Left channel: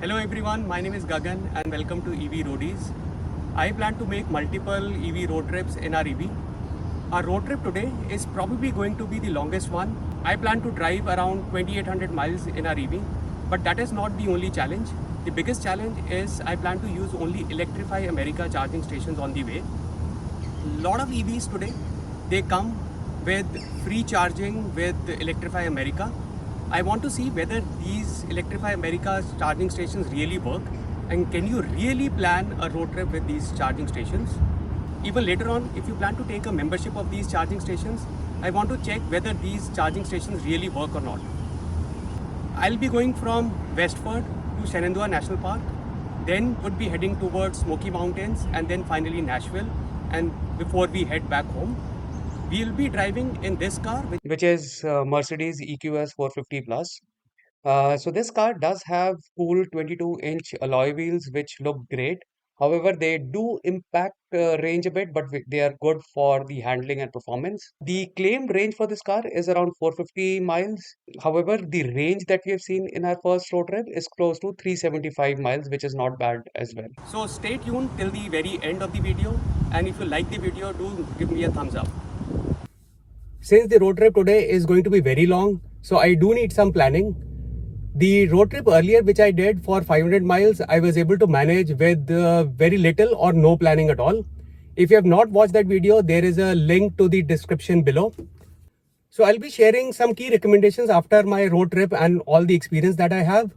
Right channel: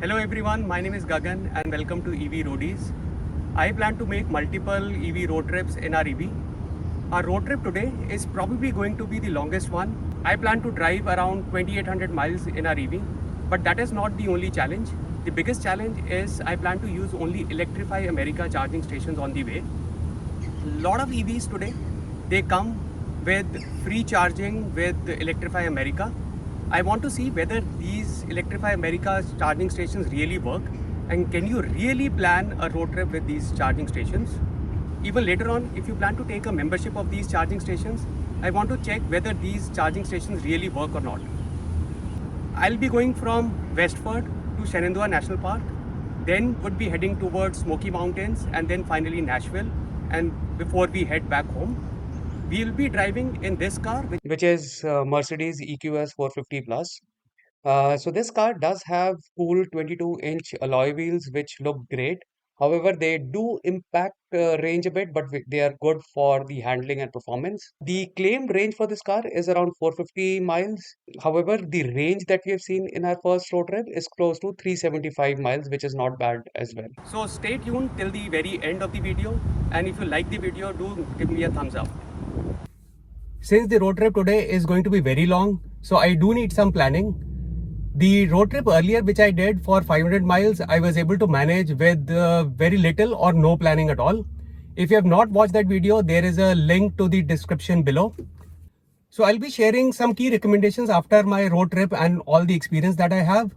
Hello everyone, my name is Gagan and welcome to EV Roadies. I plan to make multiple EV road trips in our EV. Our road trip today is probably going to be the longest one. I plan to drive around 2800 miles in our EV, but that is not the only challenge. The biggest challenge is I plan to use only Electrify America charging stations on the way. A lot of EVs today, they come with free charging with Electrify America. I want to see whether these Electrify America charging stations really work, and can you really plan a road trip with these charging stations. Even later on, if you plan to take a membership of these charging stations, I want to check whether these charging stations really work or not. I'll be going from Westford to Shenandoah National Park, then would be heading towards Smoky Mountains and then finally Nashville, and before we head back home. We'll be driving in this car, which is Mercedes EQS 450 Plus. So this car does have cool 22-inch alloy wheels, which look great. However, they do impact range a bit, but they are good for the handling and performance. The claimed range for this car is around 450 miles. However, the range that we have seen in our first road trip is close to 375 miles, which is not bad as well. So stay tuned till the very end of the video. And if you like the video, do give me a thumbs up. Since the road trip today is going to be very long, so I do need some planning. The road trip earlier which I did for 500 miles, I was able to manage with very little or no planning at all. If you have not watched that video, there is a link to the description below. So I'll be sharing some key recommendations after my road trip and all the experience that I have.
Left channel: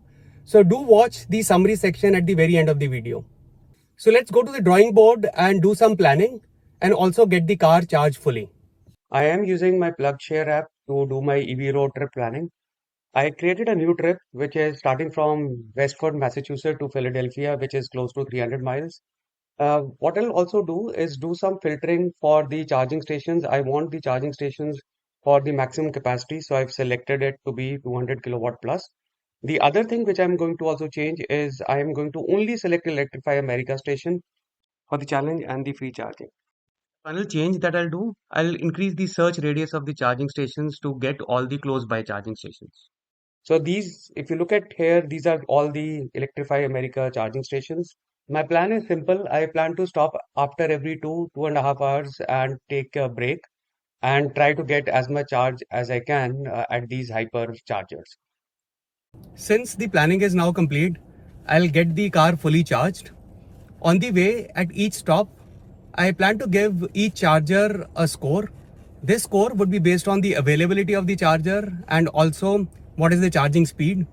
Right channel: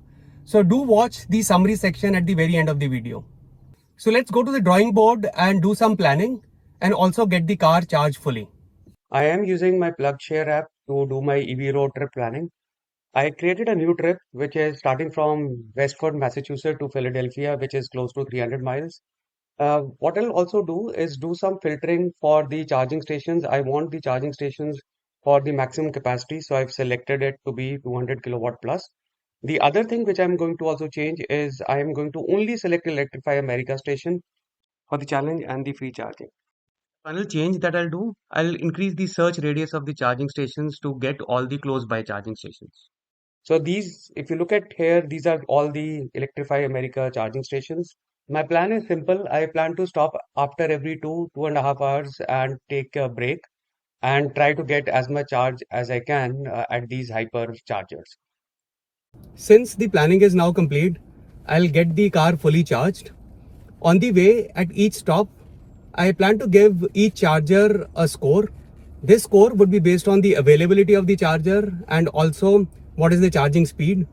So do watch the summary section at the very end of the video. So let's go to the drawing board and do some planning and also get the car charged fully. I am using my PlugShare app to do my EV road trip planning. I created a new trip which is starting from Westford, Massachusetts to Philadelphia, which is close to 300 miles. What I'll also do is do some filtering for the charging stations. I want the charging stations for the maximum capacity, so I've selected it to be 200 kilowatt plus. The other thing which I'm going to also change is I am going to only select Electrify America station for the challenge and the free charging. Final change that I'll do, I'll increase the search radius of the charging stations to get all the close by charging stations. So these, if you look at here, these are all the Electrify America charging stations. My plan is simple. I plan to stop after every 2.5 hours and take a break and try to get as much charge as I can at these hyper chargers. Since the planning is now complete, I'll get the car fully charged. On the way, at each stop, I plan to give each charger a score. This score would be based on the availability of the charger and also what is the charging speed.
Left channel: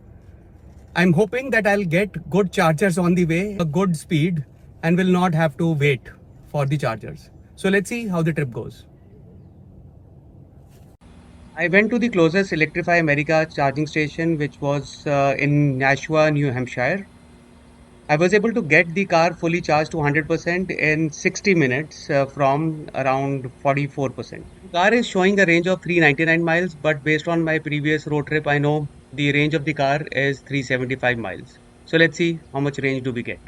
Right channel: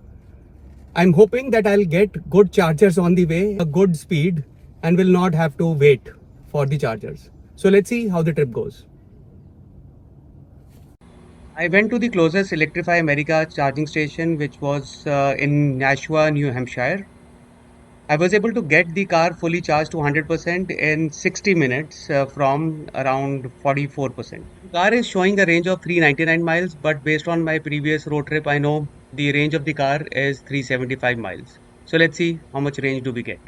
I'm hoping that I'll get good chargers on the way, a good speed, and will not have to wait for the chargers. So let's see how the trip goes. I went to the closest Electrify America charging station, which was in Nashua, New Hampshire. I was able to get the car fully charged to 100% in 60 minutes from around 44%. The car is showing a range of 399 miles, but based on my previous road trip, I know the range of the car is 375 miles. So let's see how much range do we get.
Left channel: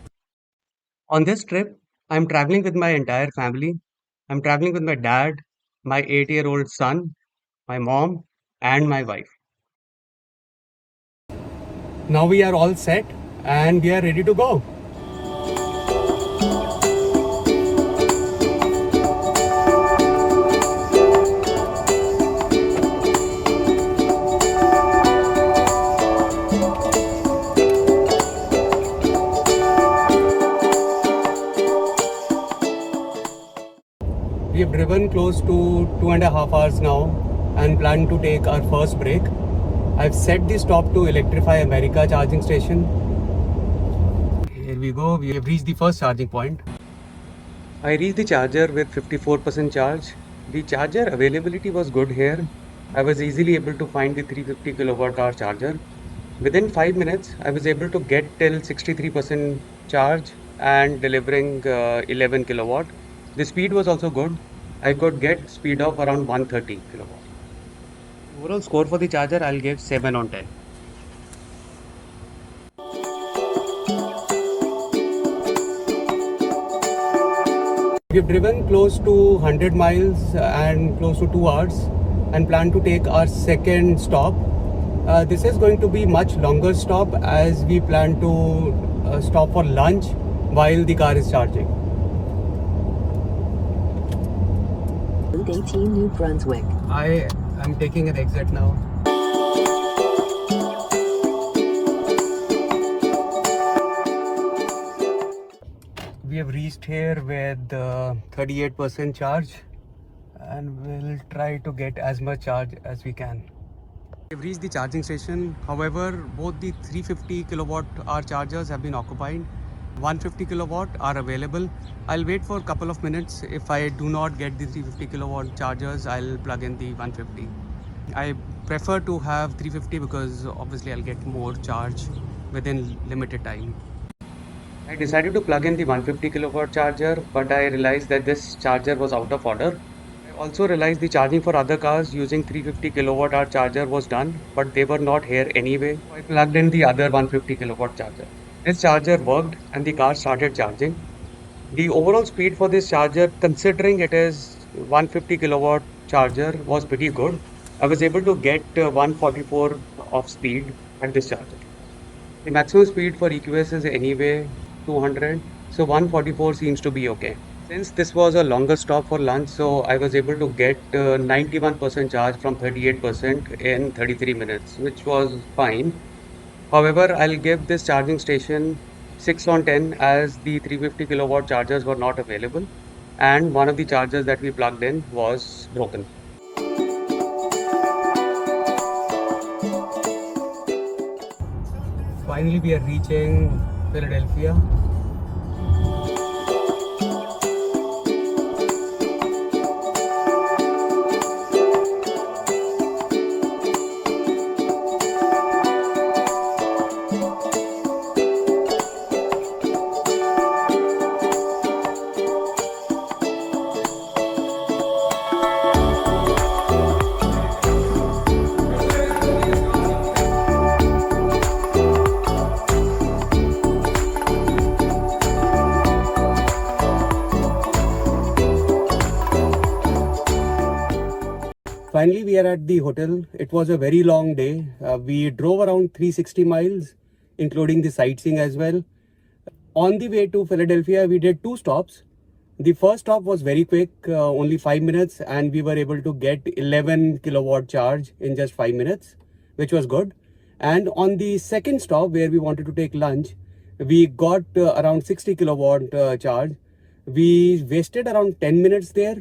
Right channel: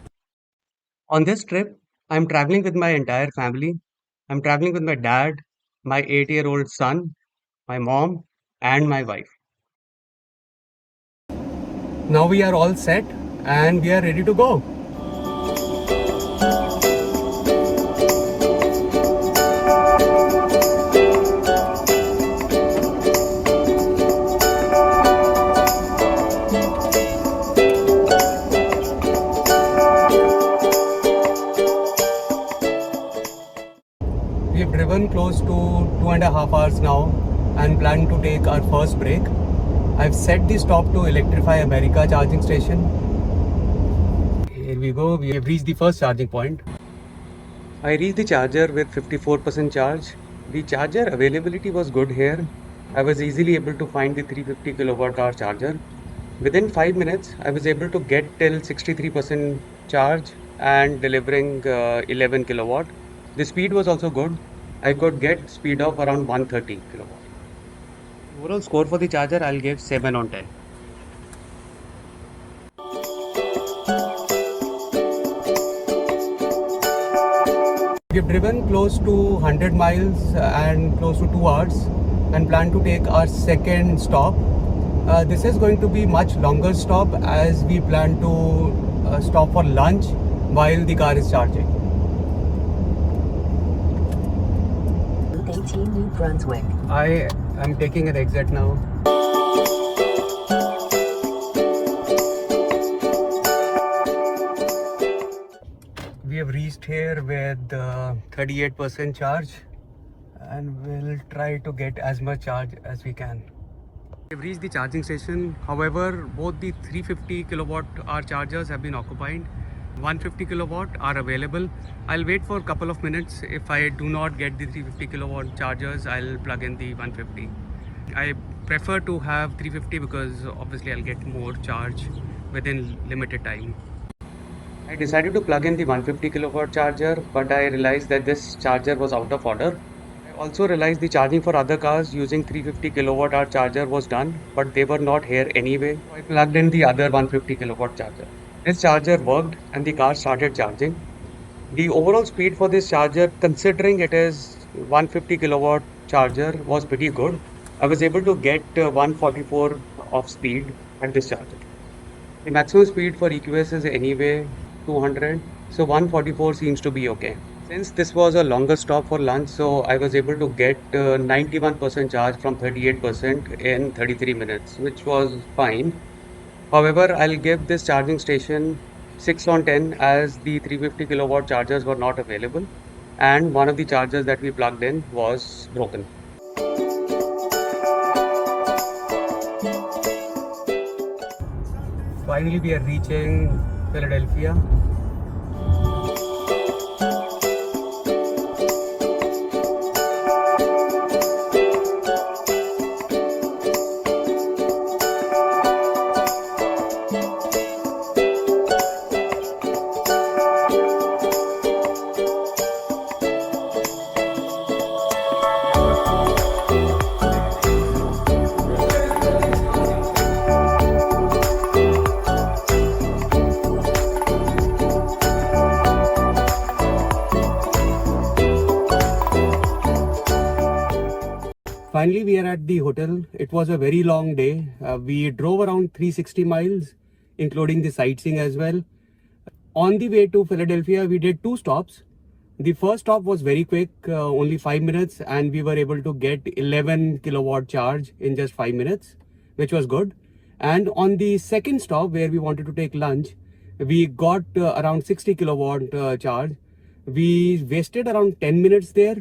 On this trip, I'm traveling with my entire family. I'm traveling with my dad, my 8-year-old son, my mom, and my wife. Now we are all set and we are ready to go. We have driven close to 2.5 hours now and plan to take our first break. I've set the stop to Electrify America charging station. Here we go, we have reached the first charging point. I reached the charger with 54% charge. The charger availability was good here. I was easily able to find the 350 kilowatt hour charger. Within 5 minutes, I was able to get till 63% charge and delivering 11 kilowatt. The speed was also good. I could get speed of around 130 kilowatt. Overall score for the charger, I'll give 7 on 10. We've driven close to 100 miles and close to 2 hours and plan to take our second stop. This is going to be much longer stop as we plan to stop for lunch while the car is charging. Route 18 New Brunswick. I am taking an exit now. We have reached here with 38% charge and we'll try to get as much charge as we can. We've reached the charging station. However, both the 350 kilowatt hour chargers have been occupied. 150 kilowatt are available. I'll wait for a couple of minutes. If I do not get the 350 kilowatt chargers, I'll plug in the 150. I prefer to have 350 because obviously I'll get more charge within limited time. I decided to plug in the 150 kilowatt charger, but I realized that this charger was out of order. I also realized the charging for other cars using 350 kilowatt hour charger was done, but they were not here anyway. So I plugged in the other 150 kilowatt charger. This charger worked and the car started charging. The overall speed for this charger, considering it is 150 kilowatt charger, was pretty good. I was able to get 144 of speed at this charger. The maximum speed for EQS is anyway 200, so 144 seems to be okay. Since this was a longer stop for lunch, so I was able to get 91% charge from 38% in 33 minutes, which was fine. However, I'll give this charging station 6 on 10 as the 350 kilowatt chargers were not available and one of the chargers that we plugged in was broken. Finally, we are reaching Philadelphia. Finally, we are at the hotel. It was a very long day. We drove around 360 miles, including the sightseeing as well. On the way to Philadelphia, we did 2 stops. The first stop was very quick, only 5 minutes, and we were able to get 11 kilowatt charge in just 5 minutes, which was good. And on the second stop, where we wanted to take lunch, we got around 60 kilowatt charge. We wasted around 10 minutes there.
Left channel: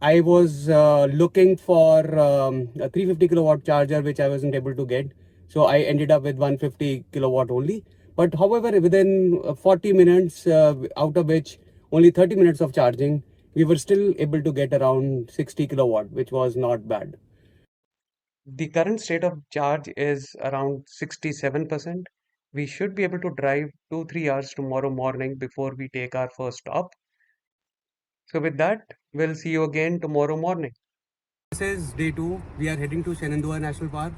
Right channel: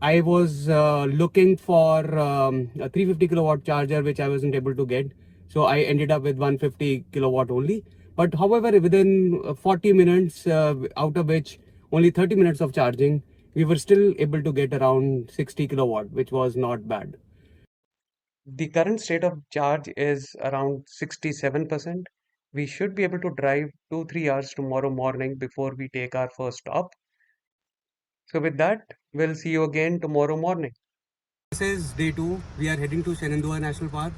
I was looking for a 350 kilowatt charger, which I wasn't able to get. So I ended up with 150 kilowatt only. But however, within 40 minutes, out of which only 30 minutes of charging, we were still able to get around 60 kilowatt, which was not bad. The current state of charge is around 67%. We should be able to drive 2-3 hours tomorrow morning before we take our first stop. So with that, we'll see you again tomorrow morning. This is day 2. We are heading to Shenandoah National Park.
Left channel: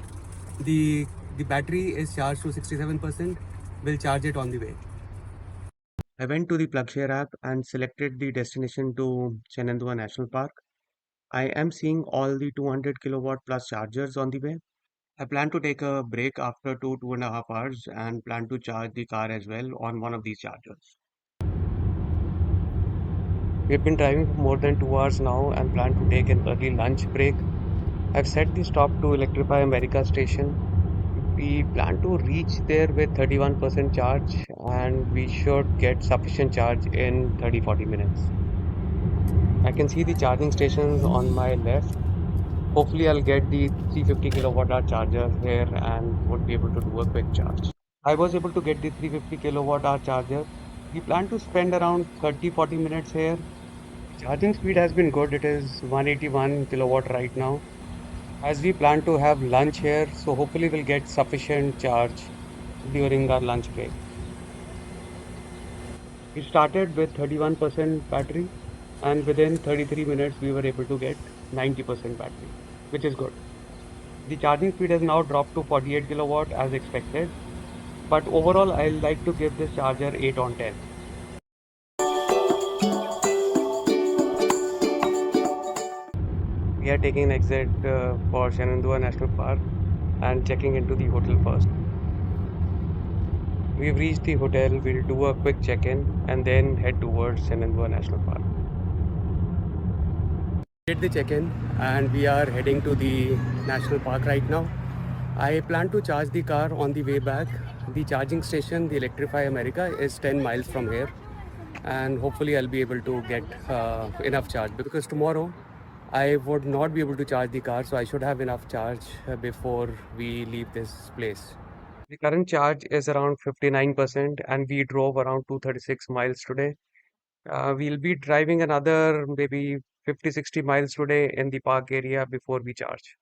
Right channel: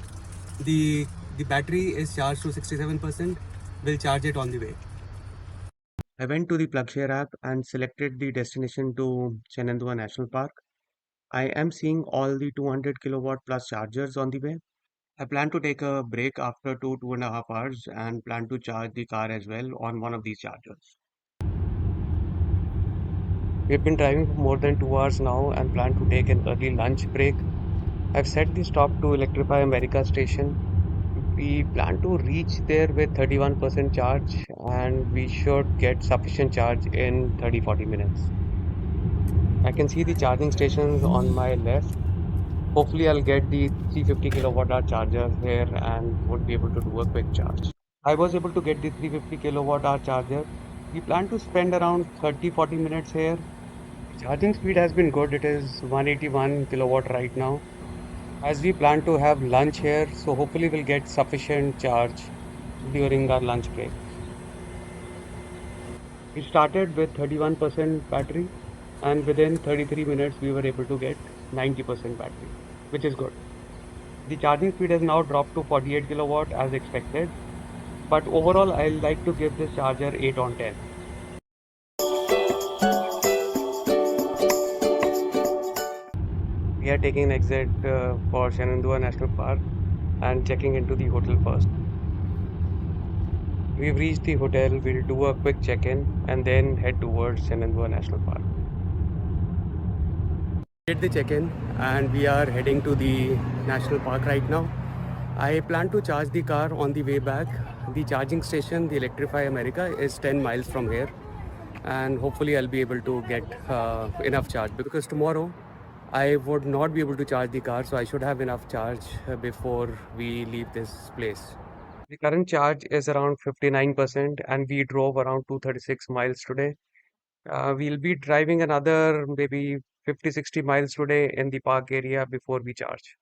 The battery is charged to 67%. We'll charge it on the way. I went to the PlugShare app and selected the destination to Shenandoah National Park. I am seeing all the 200 kilowatt plus chargers on the way. I plan to take a break after 2.5 hours and plan to charge the car as well on one of these chargers. We've been driving for more than 2 hours now and plan to take an early lunch break. I've set the stop to Electrify America station. We plan to reach there with 31% charge and we should get sufficient charge in 30-40 minutes. I can see the charging stations on my left. Hopefully I'll get the 350 kilowatt hour charger here and would be able to do a quick charge. I was able to get the 350 kilowatt hour charger. We plan to spend around 30-40 minutes here. Charging speed has been good. It is 181 kilowatt right now. As we plan to have lunch here, so hopefully we'll get sufficient charge during our lunch break. We started with 31% battery and within 33 minutes we were able to get 90% battery, which is good. The charging speed has now dropped to 48 kilowatt as expected, but overall I like to give this charger 8 on 10. We are taking an exit for Shenandoah National Park. and checking into the hotel first. We've reached the hotel, we'll do a quick check-in and then head towards Shenandoah National Park. Did the check-in and we are heading to the national park right now. I plan to charge the car on the way back. The charging station, the Electrify America, is 10 miles from here, and hopefully I'll be able to get enough charge, because tomorrow I would not be able to charge the car, so I should have enough charge before we leave this place. The current charge is around 59% and we drove around 236 miles today. We'll be driving another maybe 50-60 miles today in the park area before we charge.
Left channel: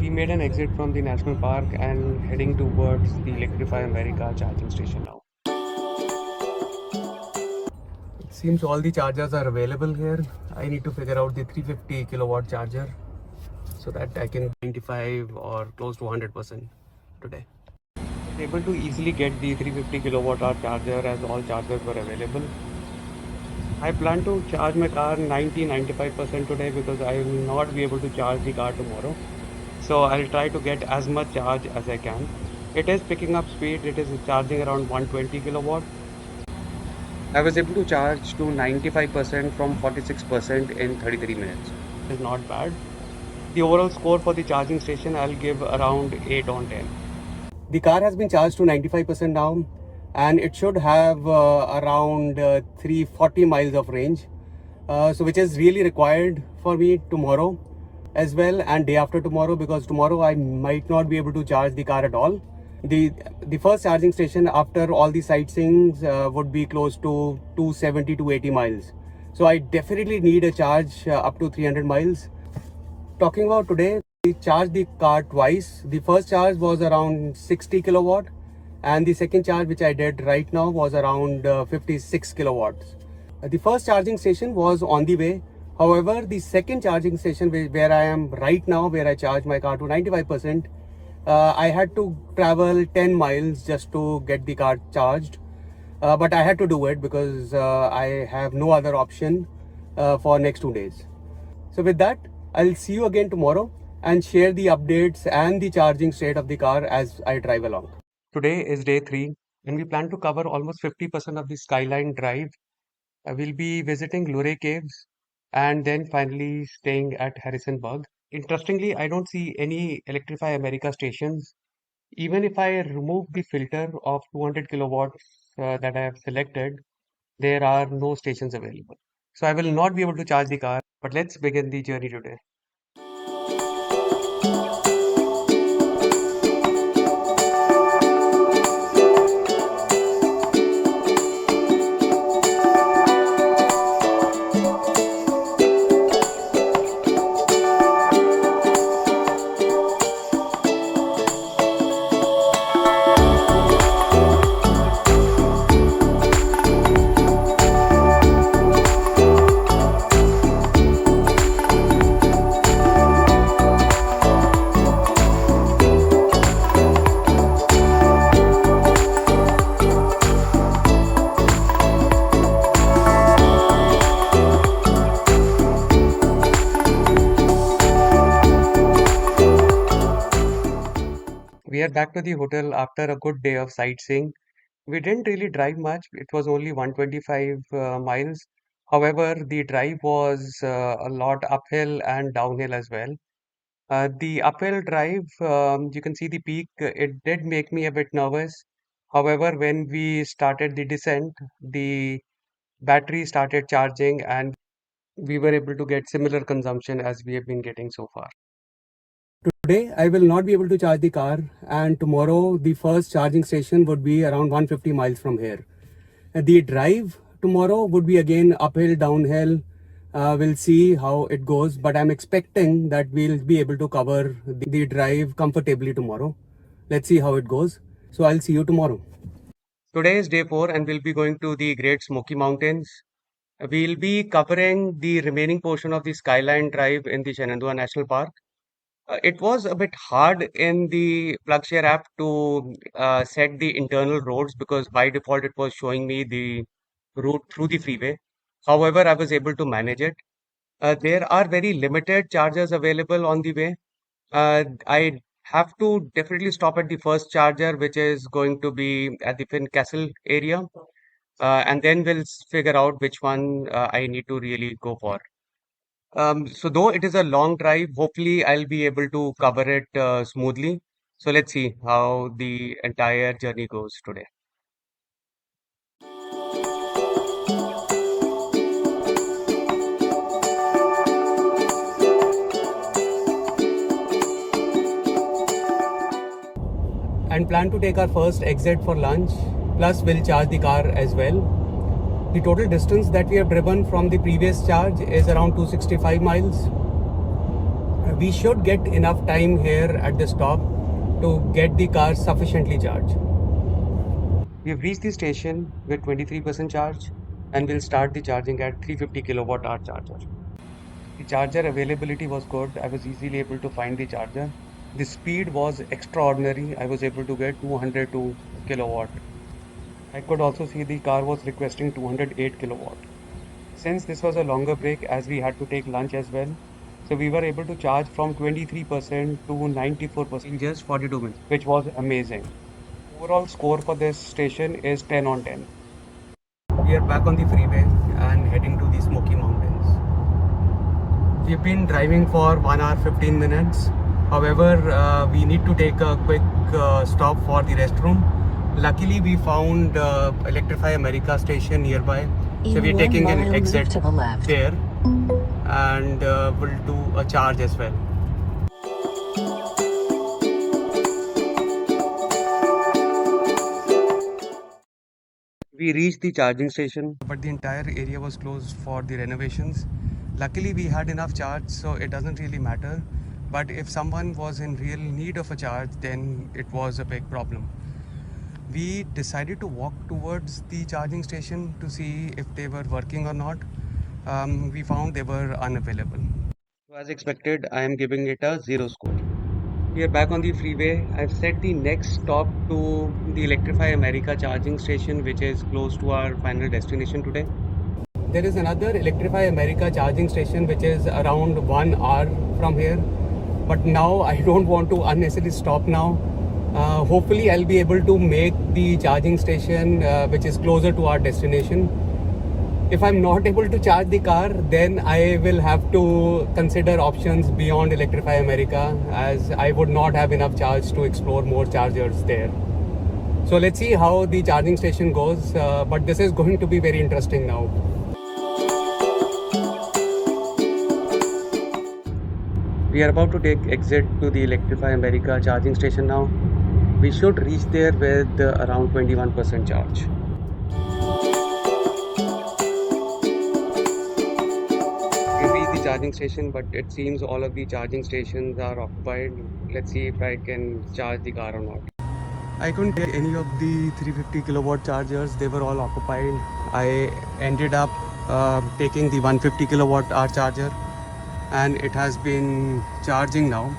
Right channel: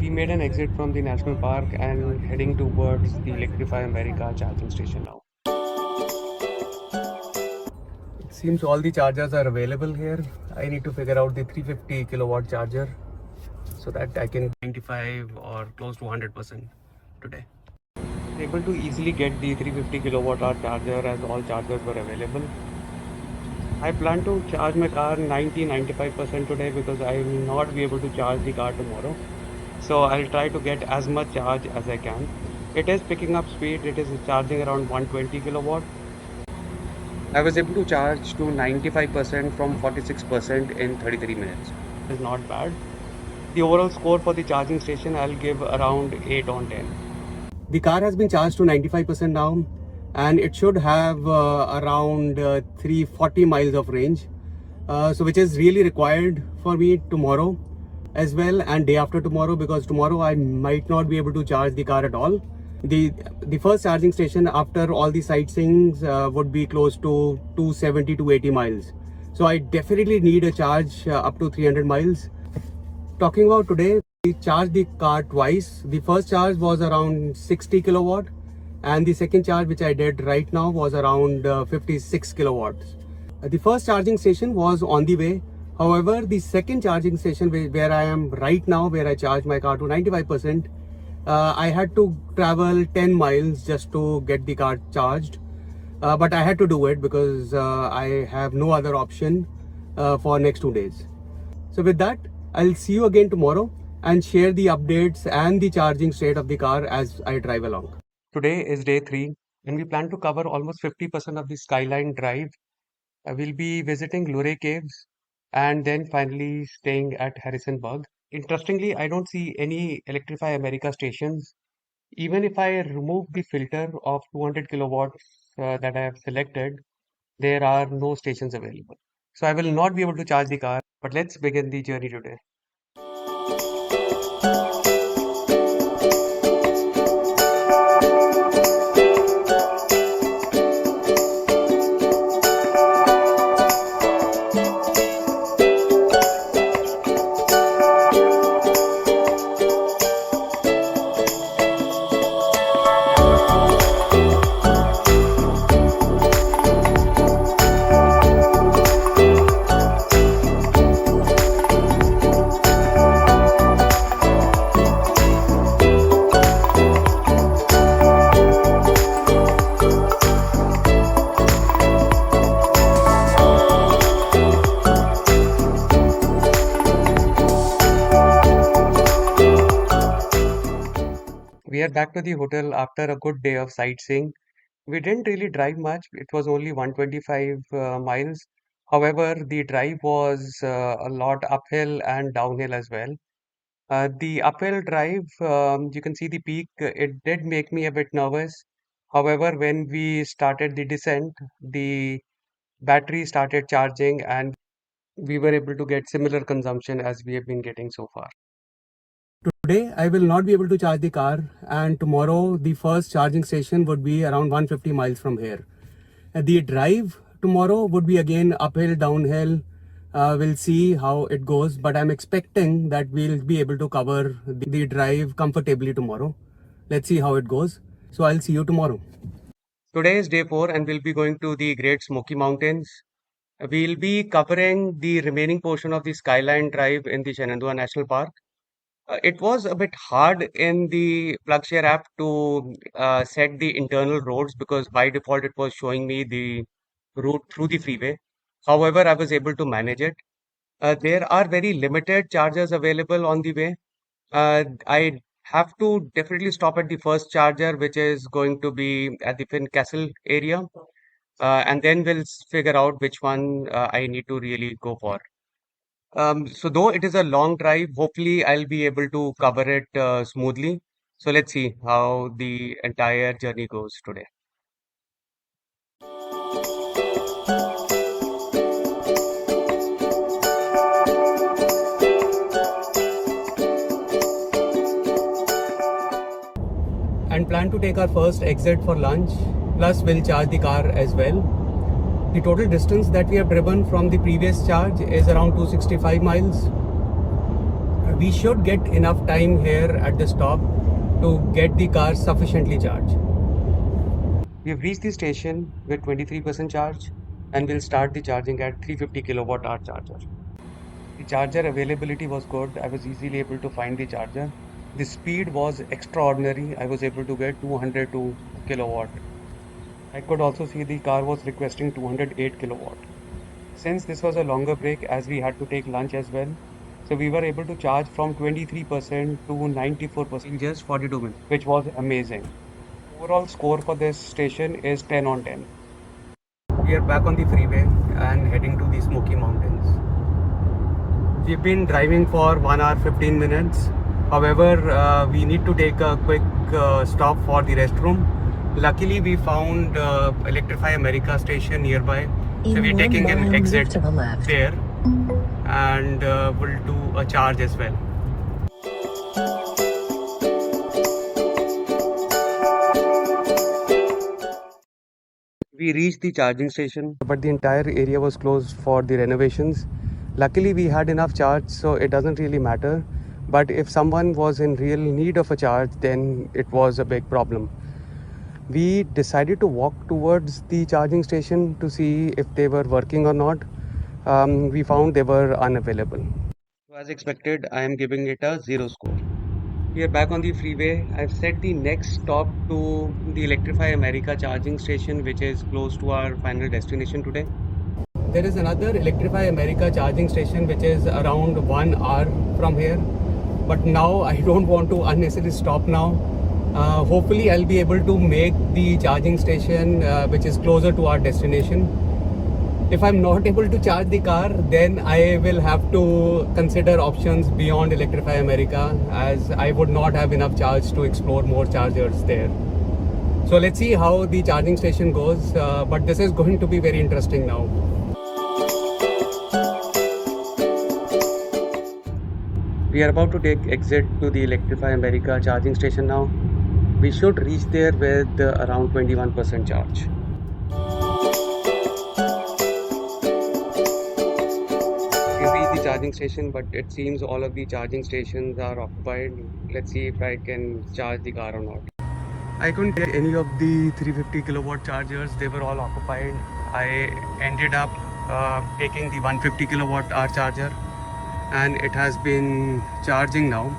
We made an exit from the national park and heading towards the Electrify America charging station now. It seems all the chargers are available here. I need to figure out the 350 kilowatt charger so that I can 95 or close to 100% today. Able to easily get the 350 kilowatt hour charger as all chargers were available. I plan to charge my car 90-95% today because I will not be able to charge the car tomorrow. So I'll try to get as much charge as I can. It is picking up speed. It is charging around 120 kilowatt. I was able to charge to 95% from 46% in 33 minutes. It's not bad. The overall score for the charging station, I'll give around 8 on 10. The car has been charged to 95% now, and it should have around 340 miles of range, so which is really required for me tomorrow as well and day after tomorrow, because tomorrow I might not be able to charge the car at all. The first charging station after all the sightseeing would be close to 270 to 80 miles. So I definitely need a charge up to 300 miles. Talking about today, we charged the car twice. The first charge was around 60 kilowatt and the second charge which I did right now was around 56 kilowatts. The first charging station was on the way. However, the second charging station where I am right now, where I charge my car to 95%, I had to travel 10 miles just to get the car charged. But I had to do it because I have no other option for next 2 days. So with that, I'll see you again tomorrow and share the updates and the charging state of the car as I drive along. Today is day 3 and we plan to cover almost 50% of the Skyline Drive. We'll be visiting Luray Caves and then finally staying at Harrisonburg. Interestingly, I don't see any Electrify America stations. Even if I remove the filter of 200 kilowatts that I have selected, there are no stations available. So I will not be able to charge the car, but let's begin the journey today. We are back to the hotel after a good day of sightseeing. We didn't really drive much. It was only 125 miles. However, the drive was a lot uphill and downhill as well. The uphill drive, you can see the peak. It did make me a bit nervous. However, when we started the descent, the battery started charging and we were able to get similar consumption as we have been getting so far. Today, I will not be able to charge the car, and tomorrow, the first charging station would be around 150 miles from here. The drive tomorrow would be again uphill, downhill, We'll see how it goes, but I'm expecting that we'll be able to cover the drive comfortably tomorrow. Let's see how it goes. So I'll see you tomorrow. Today is day 4 and we'll be going to the Great Smoky Mountains. We'll be covering the remaining portion of the Skyline Drive in the Shenandoah National Park. It was a bit hard in the PlugShare app to set the internal roads because by default it was showing me the route through the freeway. However, I was able to manage it. There are very limited chargers available on the way. I have to definitely stop at the first charger, which is going to be at the Castle area, and then we'll figure out which one I need to really go for. So though it is a long drive, hopefully I'll be able to cover it smoothly. So let's see how the entire journey goes today. And plan to take our first exit for lunch, plus we'll charge the car as well. The total distance that we have driven from the previous charge is around 265 miles. We should get enough time here at the stop to get the car sufficiently charged. We have reached the station with 23% charge and we'll start the charging at 350 kilowatt hour charger. The charger availability was good. I was easily able to find the charger. The speed was extraordinary. I was able to get 202 kilowatt. I could also see the car was requesting 208 kilowatt. Since this was a longer break as we had to take lunch as well, so we were able to charge from 23% to 94% in just 42 minutes, which was amazing. Overall score for this station is 10 on 10. We are back on the freeway and heading to the Smoky Mountains. We've been driving for 1 hour 15 minutes. However, we need to take a quick stop for the restroom. Luckily, we found Electrify America station nearby. So we're taking an exit there and we'll do a charge as well. We reached the charging station, but the entire area was closed for the renovations. Luckily, we had enough charge, so it doesn't really matter. But if someone was in real need of a charge, then it was a big problem. We decided to walk towards the charging station to see if they were working or not. We found they were unavailable. So as expected, I am giving it a 0 score. We are back on the freeway. I've set the next stop to the Electrify America charging station, which is close to our final destination today. There is another Electrify America charging station, which is around 1 hour from here. But now I don't want to unnecessarily stop now. Hopefully I'll be able to make the charging station which is closer to our destination. If I'm not able to charge the car, then I will have to consider options beyond Electrify America, as I would not have enough charge to explore more chargers there. So let's see how the charging station goes, but this is going to be very interesting now. We are about to take exit to the Electrify America charging station now. We should reach there with around 21% charge. We reached the charging station, but it seems all of the charging stations are occupied. Let's see if I can charge the car or not. I couldn't get any of the 350 kilowatt chargers. They were all occupied. I ended up taking the 150 kilowatt hour charger and it has been charging now.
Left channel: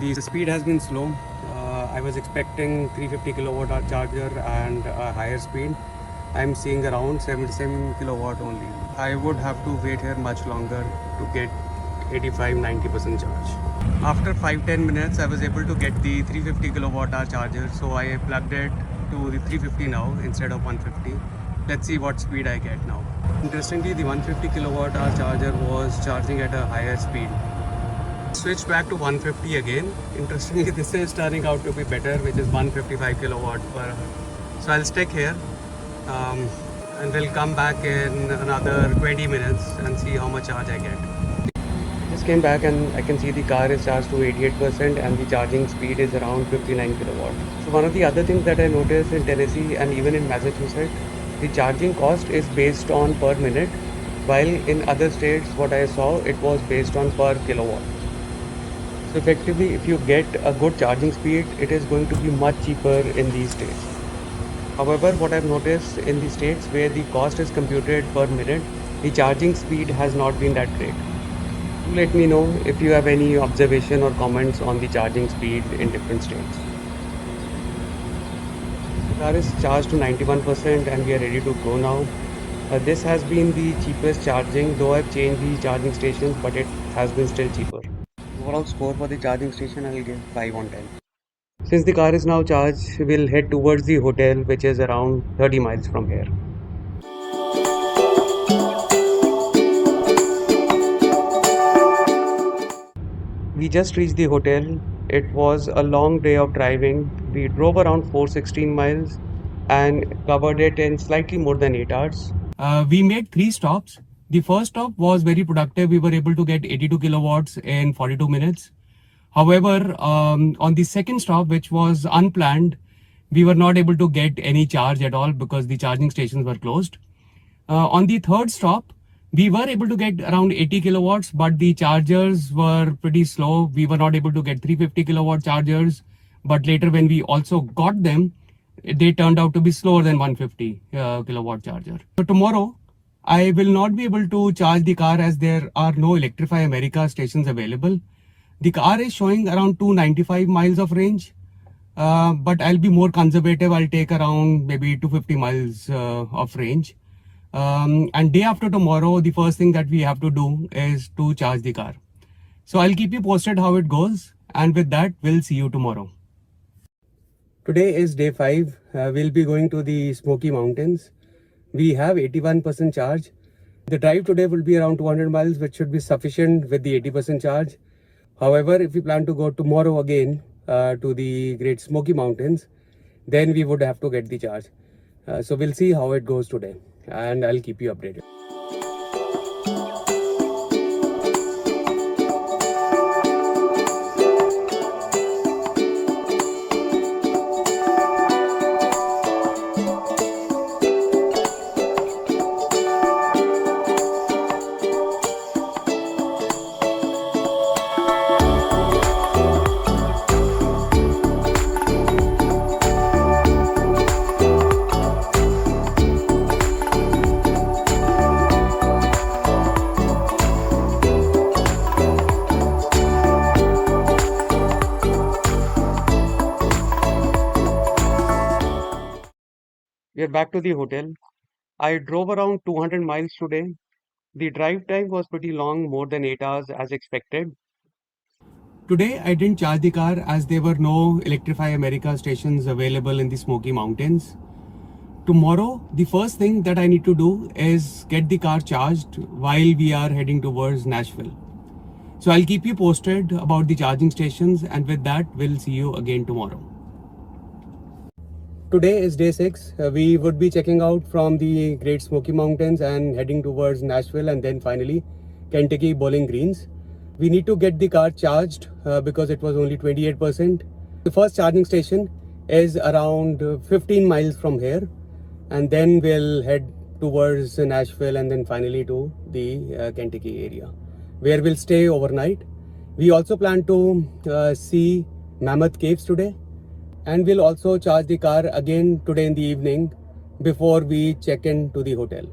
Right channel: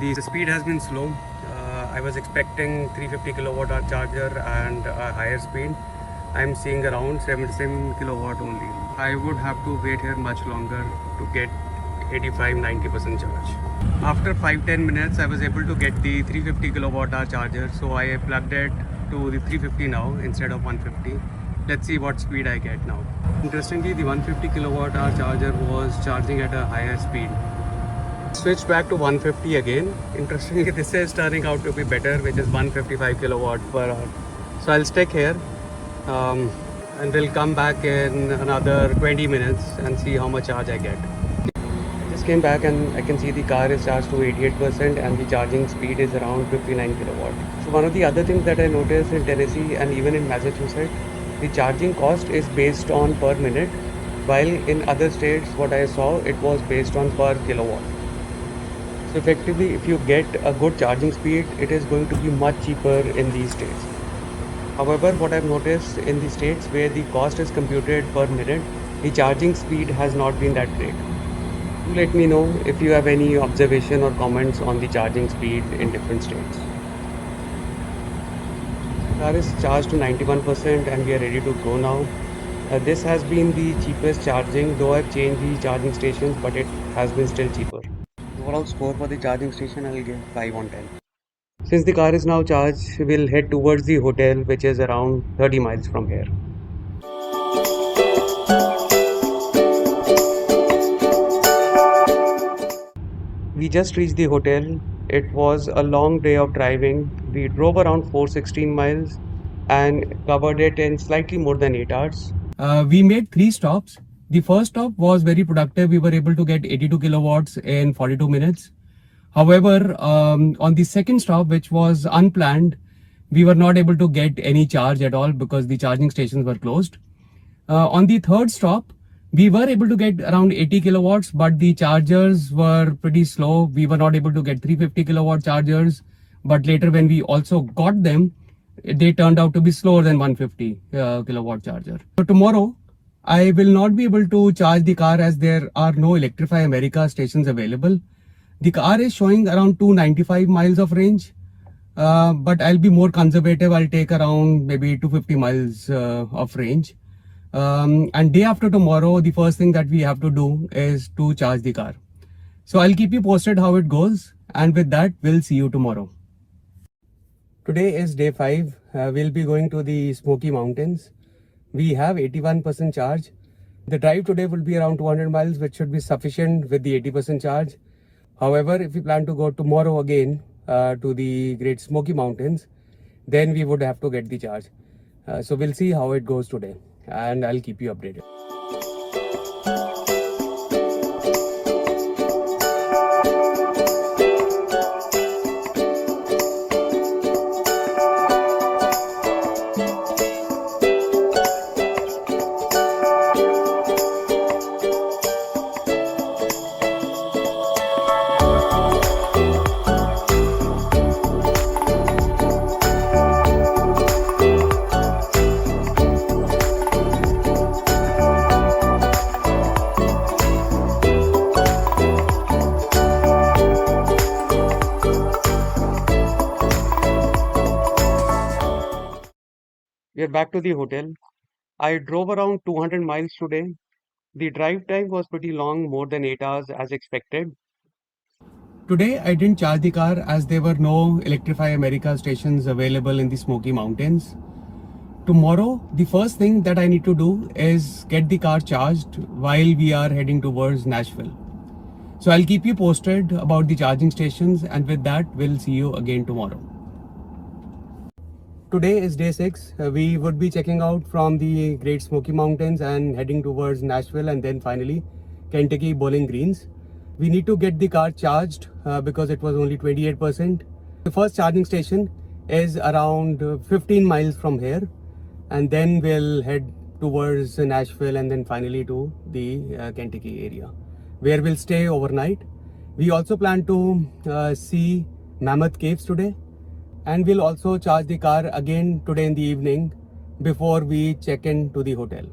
The speed has been slow. I was expecting 350 kilowatt hour charger and a higher speed. I'm seeing around 77 kilowatt only. I would have to wait here much longer to get 85-90% charge. After 5-10 minutes, I was able to get the 350 kilowatt hour charger, so I plugged it to the 350 now instead of 150. Let's see what speed I get now. Interestingly, the 150 kilowatt hour charger was charging at a higher speed. Switched back to 150 again. Interestingly, this is turning out to be better, which is 155 kilowatt per hour. So I'll stick here and we'll come back in another 20 minutes and see how much charge I get. I just came back and I can see the car is charged to 88% and the charging speed is around 59 kilowatt. So one of the other things that I noticed in Tennessee and even in Massachusetts, the charging cost is based on per minute. while in other states what I saw it was based on per kilowatt. So effectively, if you get a good charging speed, it is going to be much cheaper in these states. However, what I've noticed in the states where the cost is computed per minute, the charging speed has not been that great. Do let me know if you have any observation or comments on the charging speed in different states. The car is charged to 91% and we are ready to go now. This has been the cheapest charging, though I've changed the charging stations, but it has been still cheaper. Overall score for the charging station, I'll give 5 on 10. Since the car is now charged, we'll head towards the hotel, which is around 30 miles from here. We just reached the hotel. It was a long day of driving. We drove around 416 miles and covered it in slightly more than 8 hours. We made 3 stops. The first stop was very productive. We were able to get 82 kilowatts in 42 minutes. However, on the second stop, which was unplanned, we were not able to get any charge at all because the charging stations were closed. On the third stop, we were able to get around 80 kilowatts, but the chargers were pretty slow. We were not able to get 350 kilowatt chargers, but later when we also got them, they turned out to be slower than 150 kilowatt charger. So tomorrow, I will not be able to charge the car as there are no Electrify America stations available. The car is showing around 295 miles of range, but I'll be more conservative. I'll take around maybe 250 miles of range. And day after tomorrow, the first thing that we have to do is to charge the car. So I'll keep you posted how it goes. And with that, we'll see you tomorrow. Today is day 5. We'll be going to the Smoky Mountains. We have 81% charge. The drive today will be around 200 miles, which should be sufficient with the 80% charge. However, if we plan to go tomorrow again to the Great Smoky Mountains, then we would have to get the charge. So we'll see how it goes today and I'll keep you updated. We are back to the hotel. I drove around 200 miles today. The drive time was pretty long, more than 8 hours as expected. Today I didn't charge the car as there were no Electrify America stations available in the Smoky Mountains. Tomorrow, the first thing that I need to do is get the car charged while we are heading towards Nashville. So I'll keep you posted about the charging stations, and with that, we'll see you again tomorrow. Today is day 6. We would be checking out from the Great Smoky Mountains and heading towards Nashville and then finally Kentucky Bowling Greens. We need to get the car charged because it was only 28%. The first charging station is around 15 miles from here, and then we'll head towards Nashville and then finally to the Kentucky area where we'll stay overnight. We also plan to see Mammoth Caves today. And we'll also charge the car again today in the evening before we check in to the hotel.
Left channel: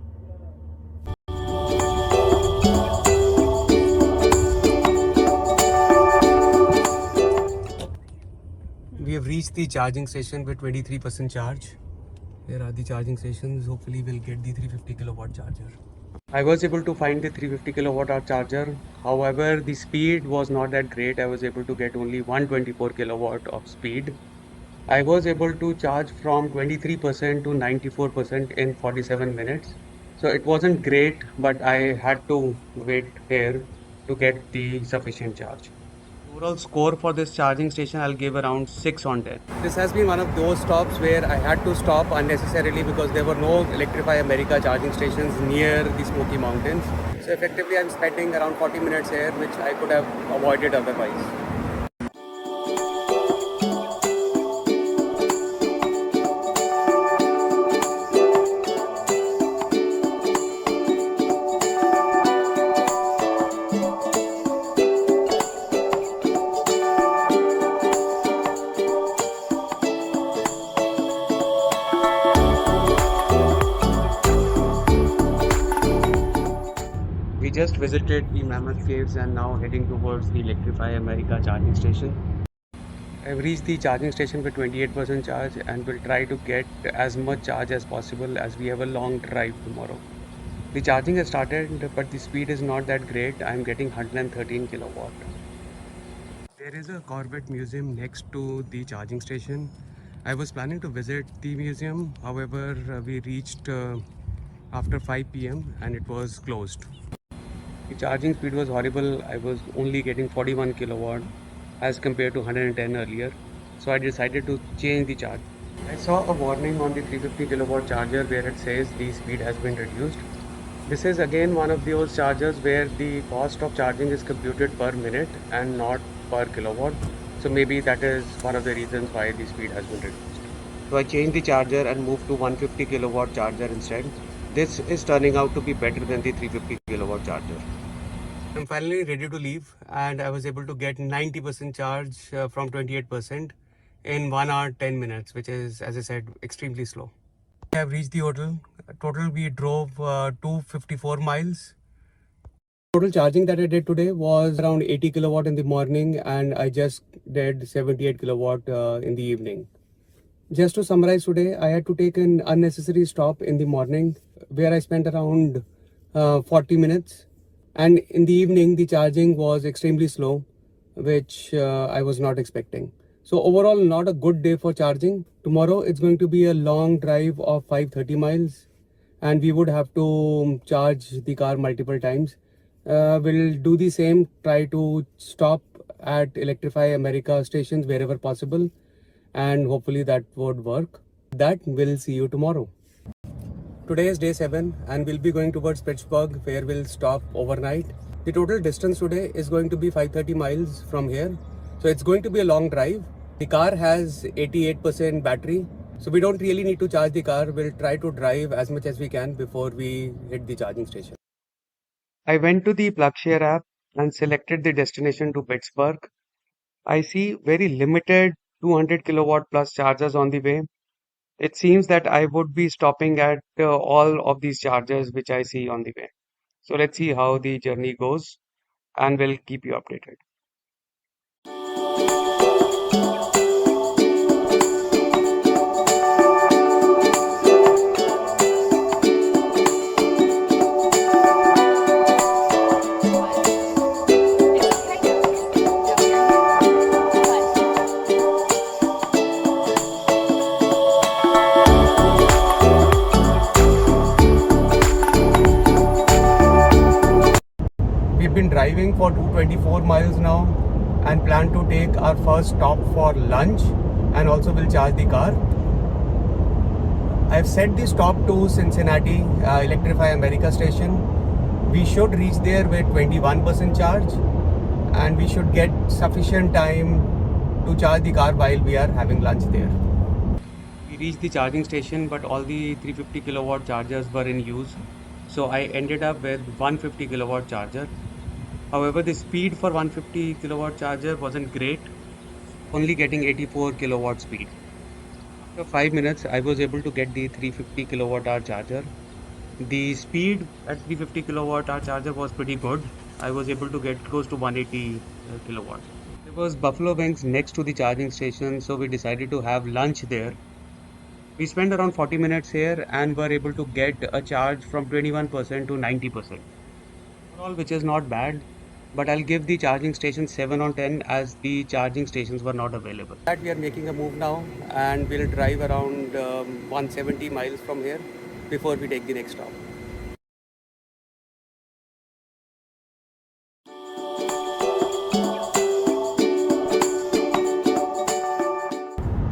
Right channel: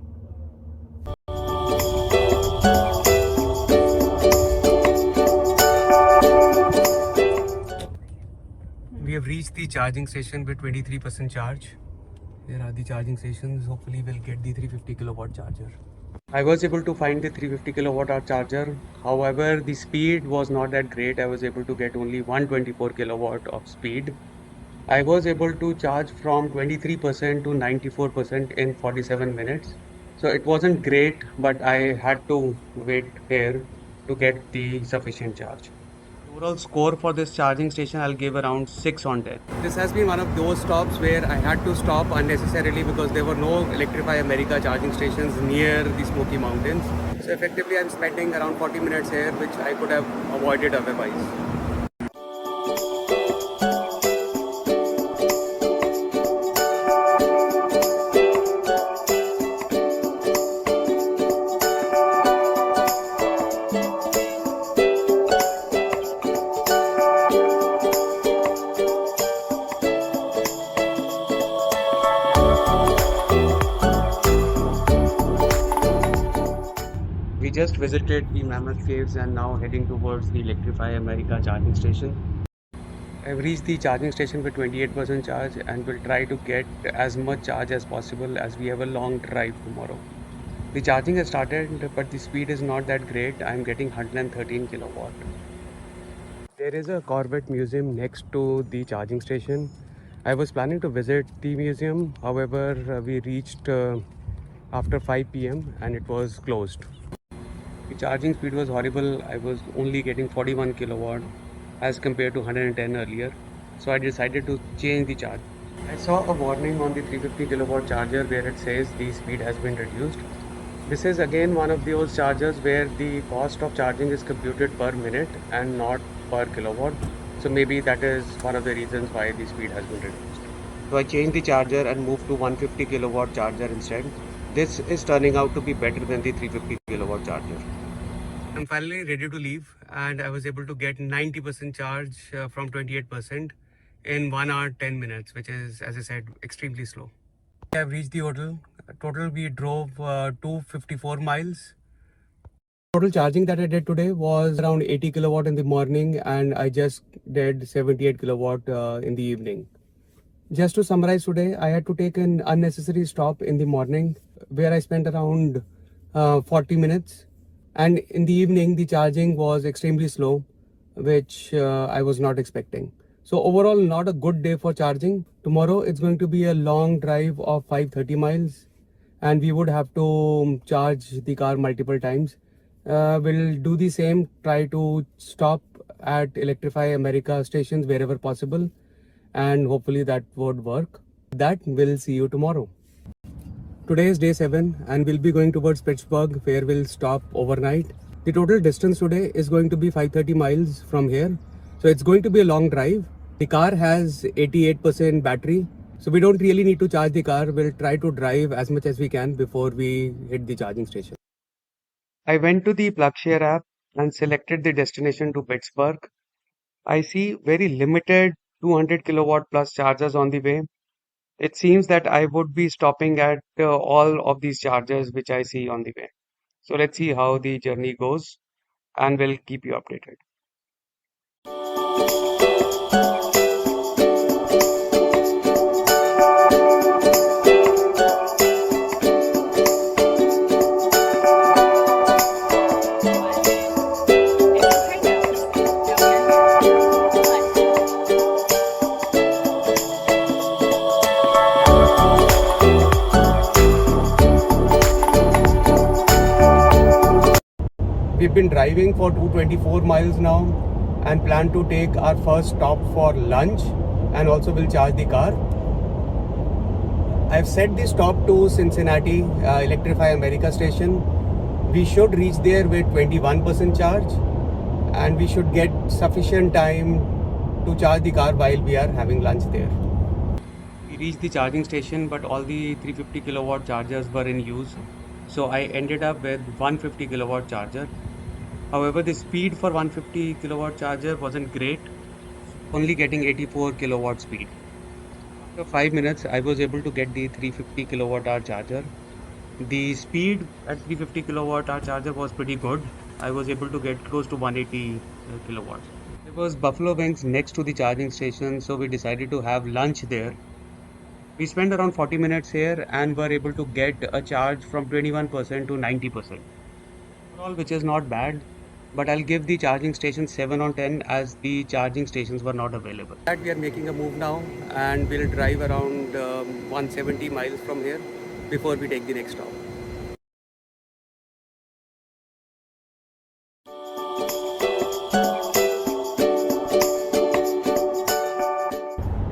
We have reached the charging station with 23% charge. Here are the charging stations. Hopefully we'll get the 350 kilowatt charger. I was able to find the 350 kilowatt hour charger. However, the speed was not that great. I was able to get only 124 kilowatt of speed. I was able to charge from 23% to 94% in 47 minutes. So it wasn't great, but I had to wait here to get the sufficient charge. Overall score for this charging station, I'll give around 6 on 10. This has been one of those stops where I had to stop unnecessarily because there were no Electrify America charging stations near the Smoky Mountains. So effectively, I'm spending around 40 minutes here, which I could have avoided otherwise. We just visited the Mammoth Caves and now heading towards the Electrify America charging station. I've reached the charging station with 28% charge and will try to get as much charge as possible as we have a long drive tomorrow. The charging has started, but the speed is not that great. I'm getting 113 kilowatt. There is a Corvette museum next to the charging station. I was planning to visit the museum, however, we reached after 5 p.m. and it was closed. The charging speed was horrible. I was only getting 41 kilowatt as compared to 110 earlier. So I decided to change the charge. I saw a warning on the 350 kilowatt charger where it says the speed has been reduced. This is again one of those chargers where the cost of charging is computed per minute and not per kilowatt. So maybe that is one of the reasons why the speed has been reduced. So I changed the charger and moved to 150 kilowatt charger instead. This is turning out to be better than the 350 kilowatt charger. I'm finally ready to leave and I was able to get 90% charge from 28% in 1 hour 10 minutes, which is, as I said, extremely slow. I have reached the hotel. Total we drove 254 miles. Total charging that I did today was around 80 kilowatt in the morning and I just did 78 kilowatt in the evening. Just to summarize today, I had to take an unnecessary stop in the morning where I spent around 40 minutes. And in the evening, the charging was extremely slow, which I was not expecting. So overall, not a good day for charging. Tomorrow, it's going to be a long drive of 530 miles and we would have to charge the car multiple times. We'll do the same, try to stop at Electrify America stations wherever possible and hopefully that would work. That we'll see you tomorrow. Today is day 7 and we'll be going towards Pittsburgh where we'll stop overnight. The total distance today is going to be 530 miles from here. So it's going to be a long drive. The car has 88% battery. So we don't really need to charge the car. We'll try to drive as much as we can before we hit the charging station. I went to the PlugShare app and selected the destination to Pittsburgh. I see very limited 200 kilowatt plus chargers on the way. It seems that I would be stopping at all of these chargers which I see on the way. So let's see how the journey goes and we'll keep you updated. We've been driving for 224 miles now and plan to take our first stop for lunch and also will charge the car. I've set the stop to Cincinnati Electrify America station. We should reach there with 21% charge and we should get sufficient time to charge the car while we are having lunch there. We reached the charging station but all the 350 kilowatt chargers were in use. So I ended up with 150 kilowatt charger. However, the speed for 150 kilowatt charger wasn't great, only getting 84 kilowatt speed. After 5 minutes, I was able to get the 350 kilowatt hour charger. The speed at 350 kilowatt hour charger was pretty good. I was able to get close to 180 kilowatts. There was buffalo wings next to the charging station, so we decided to have lunch there. We spent around 40 minutes here and were able to get a charge from 21% to 90%. Overall, which is not bad. But I'll give the charging station 7 on 10 as the charging stations were not available. That we are making a move now and we'll drive around 170 miles from here before we take the next stop.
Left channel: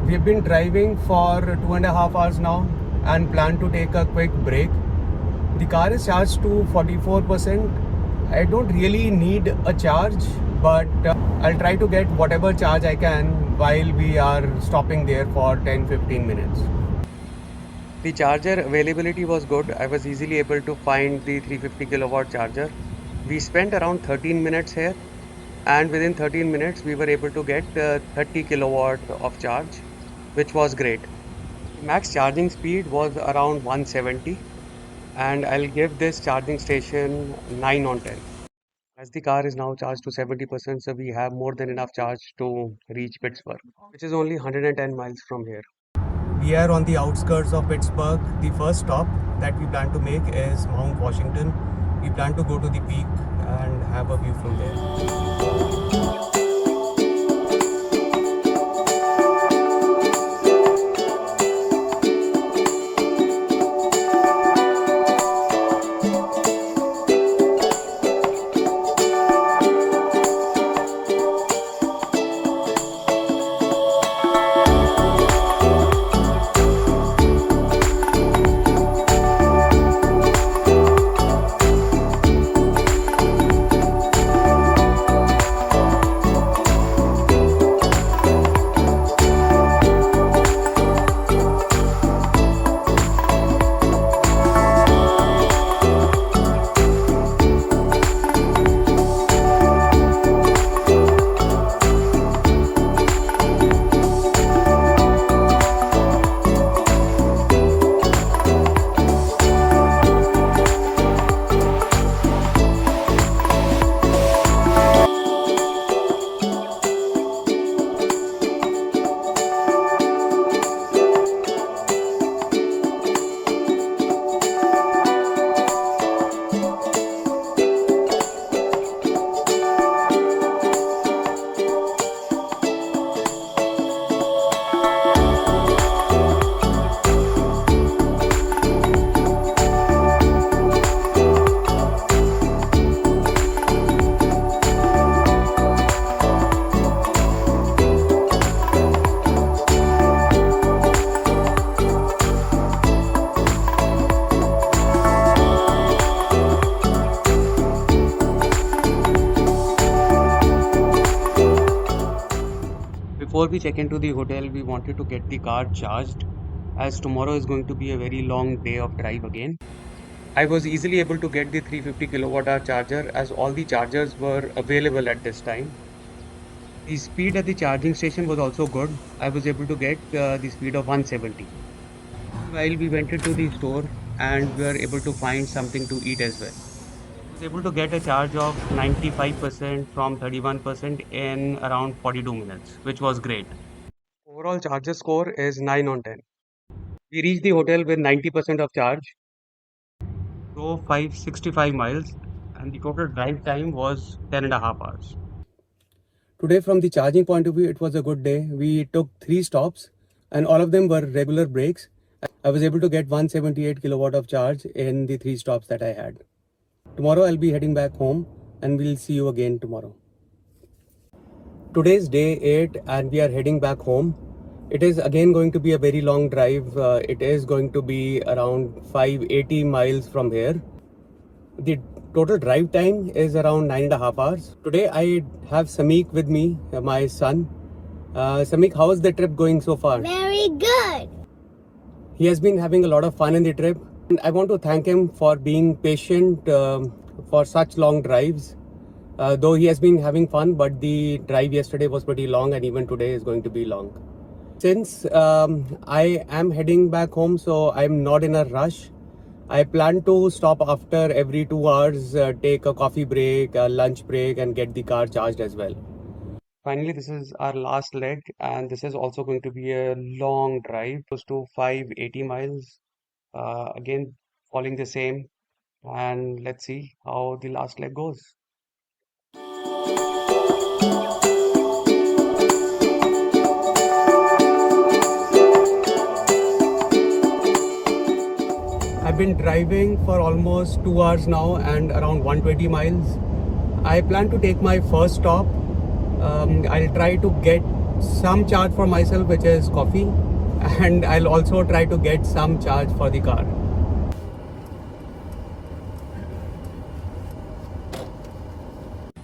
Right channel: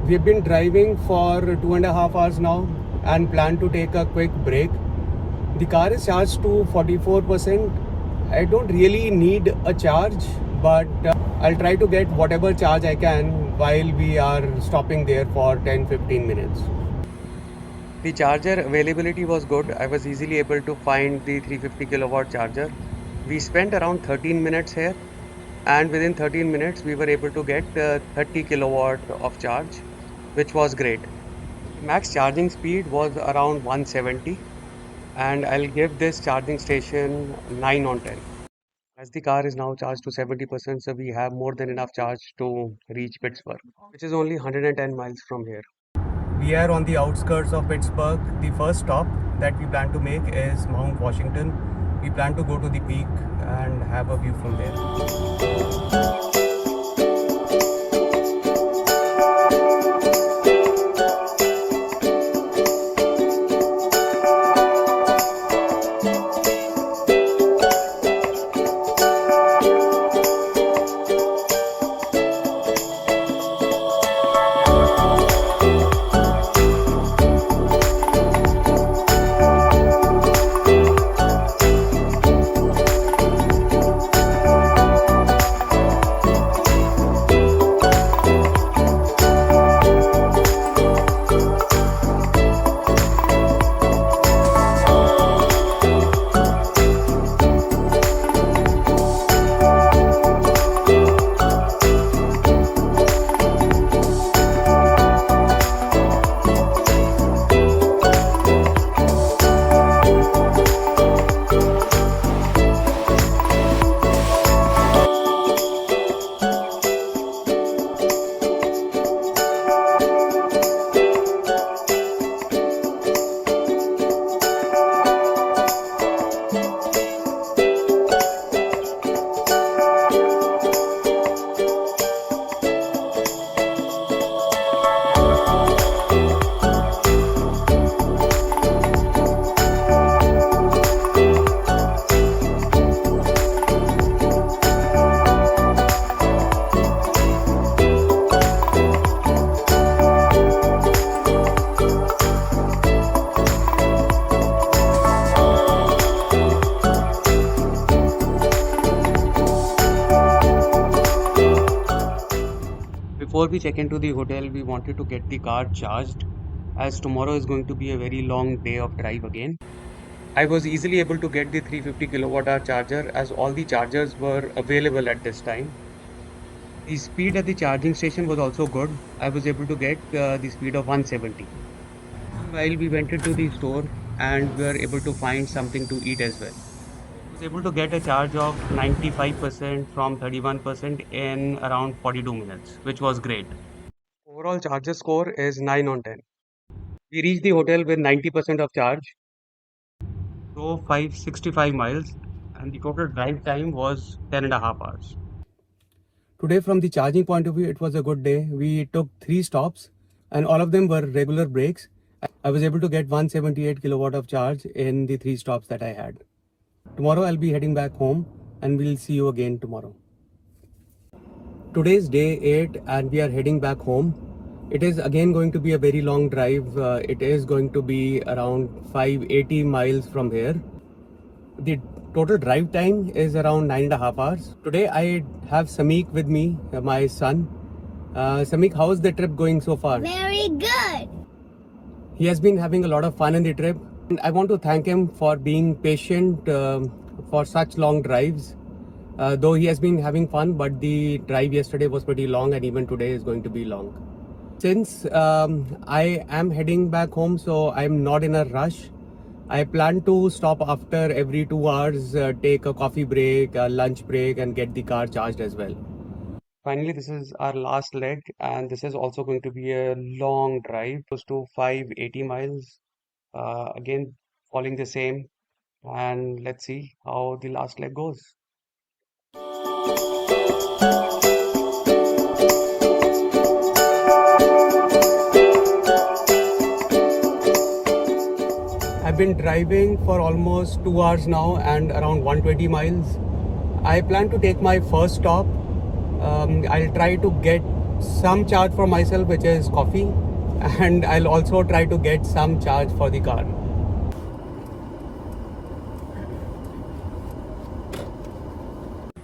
We've been driving for 2.5 hours now and plan to take a quick break. The car is charged to 44%. I don't really need a charge, but I'll try to get whatever charge I can while we are stopping there for 10-15 minutes. The charger availability was good. I was easily able to find the 350 kilowatt charger. We spent around 13 minutes here and within 13 minutes we were able to get 30 kilowatt of charge, which was great. The max charging speed was around 170. and I'll give this charging station 9 on 10. As the car is now charged to 70%, so we have more than enough charge to reach Pittsburgh, which is only 110 miles from here. We are on the outskirts of Pittsburgh. The first stop that we plan to make is Mount Washington. We plan to go to the peak and have a view from there. Before we check into the hotel, we wanted to get the car charged as tomorrow is going to be a very long day of drive again. I was easily able to get the 350 kilowatt hour charger as all the chargers were available at this time. The speed at the charging station was also good. I was able to get the speed of 170. While we went into the store and we were able to find something to eat as well. I was able to get a charge of 95% from 31% in around 42 minutes, which was great. Overall charger score is 9 on 10. We reached the hotel with 90% of charge, drove 565 miles, and the total drive time was 10 and a half hours. Today, from the charging point of view, it was a good day. We took 3 stops, and all of them were regular breaks. I was able to get 178 kilowatt of charge in the 3 stops that I had. Tomorrow, I'll be heading back home, and we'll see you again tomorrow. Today's day 8, and we are heading back home. It is again going to be a very long drive. It is going to be around 580 miles from here. The total drive time is around 9.5 hours. Today I have Samik with me, my son. Samik, how is the trip going so far? Very good. He has been having a lot of fun in the trip. And I want to thank him for being patient for such long drives. Though he has been having fun, but the drive yesterday was pretty long and even today is going to be long. Since I am heading back home, so I'm not in a rush. I plan to stop after every 2 hours, take a coffee break, a lunch break, and get the car charged as well. Finally, this is our last leg, and this is also going to be a long drive, close to 580 miles. Again, following the same, and let's see how the last leg goes. I've been driving for almost 2 hours now and around 120 miles. I plan to take my first stop. I'll try to get some charge for myself, which is coffee, and I'll also try to get some charge for the car.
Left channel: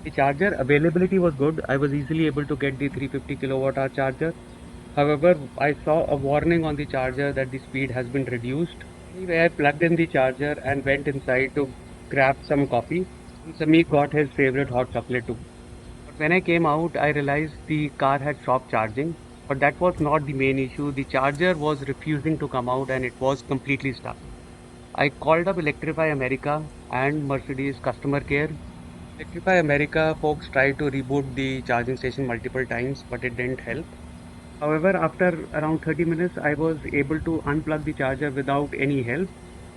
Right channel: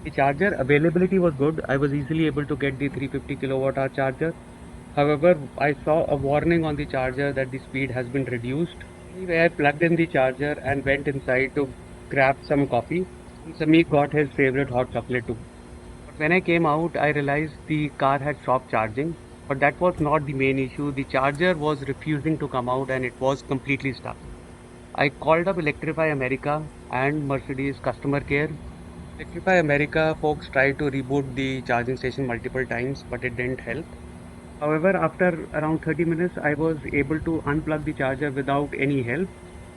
The charger availability was good. I was easily able to get the 350 kilowatt hour charger. However, I saw a warning on the charger that the speed has been reduced. Anyway, I plugged in the charger and went inside to grab some coffee. Samik got his favorite hot chocolate too. But when I came out, I realized the car had stopped charging. But that was not the main issue. The charger was refusing to come out and it was completely stuck. I called up Electrify America and Mercedes customer care. Electrify America folks tried to reboot the charging station multiple times, but it didn't help. However, after around 30 minutes, I was able to unplug the charger without any help,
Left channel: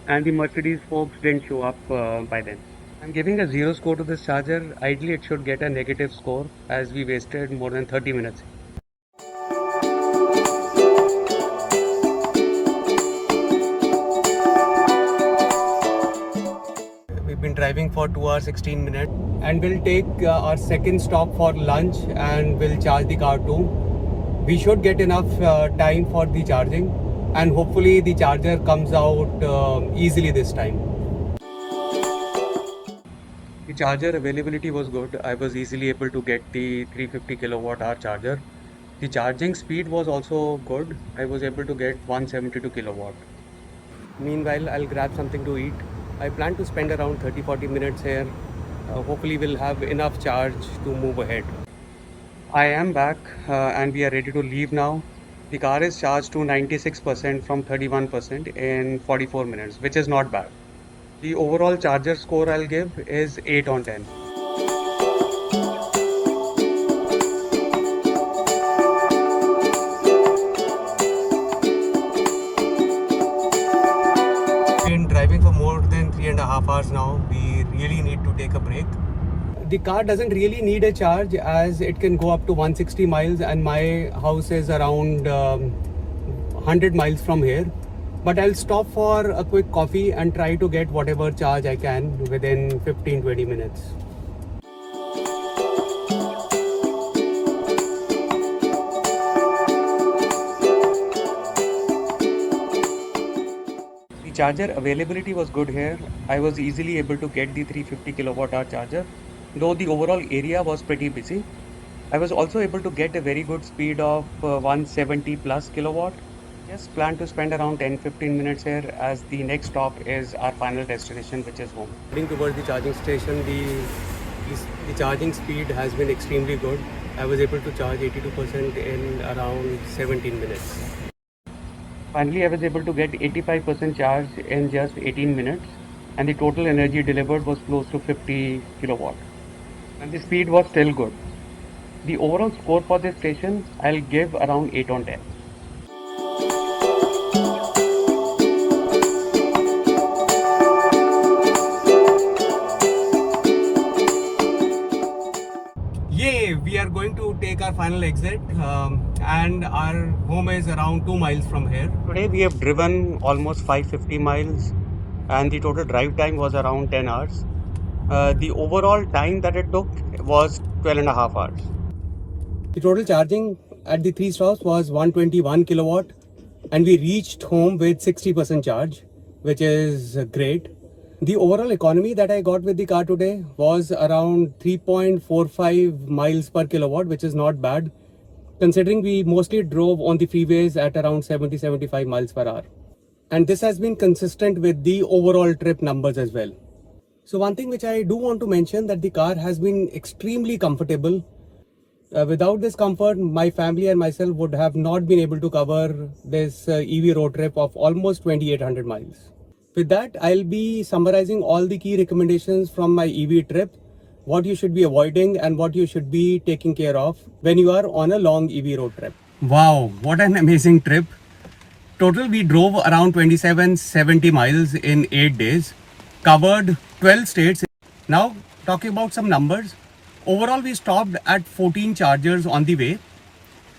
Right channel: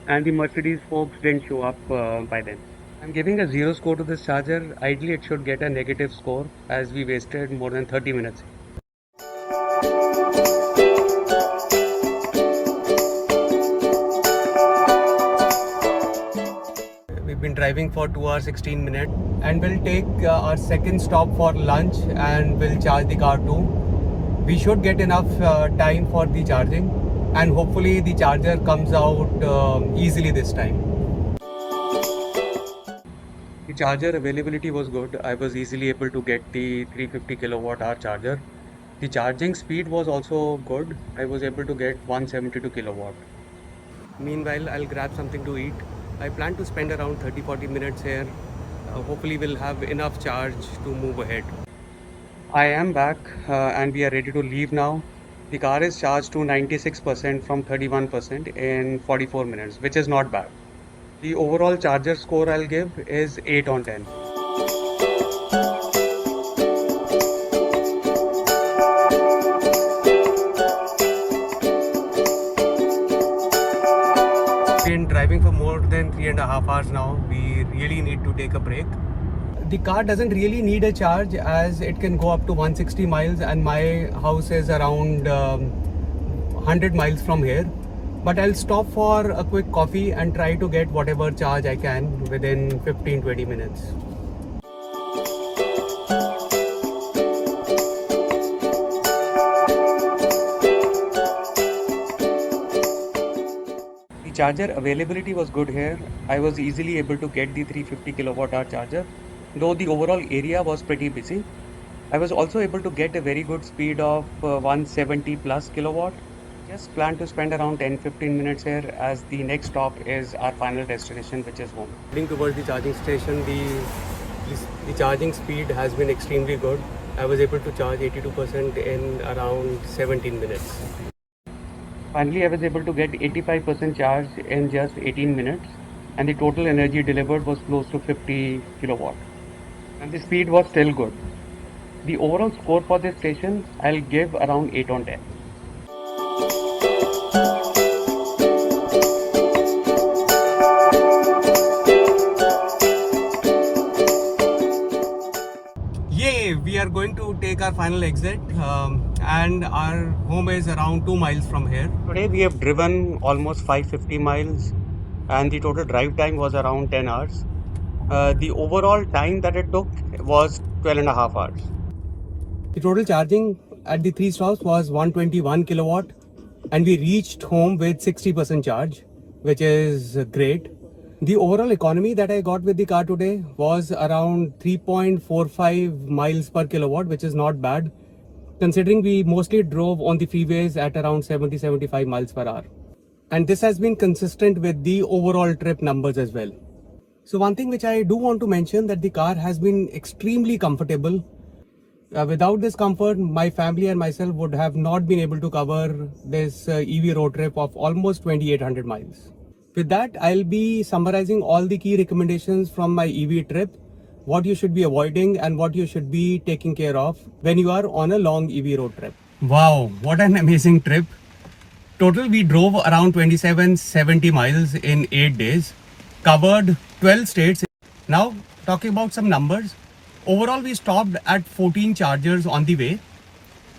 and the Mercedes folks didn't show up by then. I'm giving a 0 score to this charger. Ideally, it should get a negative score as we wasted more than 30 minutes. We've been driving for 2 hours 16 minutes and we'll take our second stop for lunch and we'll charge the car too. We should get enough time for the charging and hopefully the charger comes out easily this time. The charger availability was good. I was easily able to get the 350 kilowatt hour charger. The charging speed was also good. I was able to get 172 kilowatt. Meanwhile, I'll grab something to eat. I plan to spend around 30-40 minutes here. Hopefully we'll have enough charge to move ahead. I am back and we are ready to leave now. The car is charged to 96% from 31% in 44 minutes, which is not bad. The overall charger score I'll give is 8 on 10. Been driving for more than 3.5 hours now. We really need to take a break. The car doesn't really need a charge as it can go up to 160 miles and my house is around 100 miles from here. But I'll stop for a quick coffee and try to get whatever charge I can within 15-20 minutes. The charger availability was good here. I was easily able to get the 350 kilowatt hour charger, though the overall area was pretty busy. I was also able to get a very good speed of 170 plus kilowatt. Just plan to spend around 10-15 minutes here as the next stop is our final destination, which is home. Heading towards the charging station, the charging speed has been extremely good. I was able to charge 82% in around 17 minutes. Finally, I was able to get 85% charge in just 18 minutes and the total energy delivered was close to 50 kilowatt. And the speed was still good. The overall score for this station, I'll give around 8 on 10. Yay! We are going to take our final exit and our home is around 2 miles from here. Today we have driven almost 550 miles and the total drive time was around 10 hours. The overall time that it took was 12.5 hours. The total charging at the 3 stops was 121 kilowatt and we reached home with 60% charge, which is great. The overall economy that I got with the car today was around 3.45 miles per kilowatt, which is not bad, considering we mostly drove on the freeways at around 70-75 miles per hour. And this has been consistent with the overall trip numbers as well. So one thing which I do want to mention that the car has been extremely comfortable. Without this comfort, my family and myself would have not been able to cover this EV road trip of almost 2800 miles. With that, I'll be summarizing all the key recommendations from my EV trip, what you should be avoiding and what you should be taking care of when you are on a long EV road trip. Wow, what an amazing trip. Total, we drove around 2770 miles in 8 days, covered 12 states. Now, talking about some numbers. Overall, we stopped at 14 chargers on the way.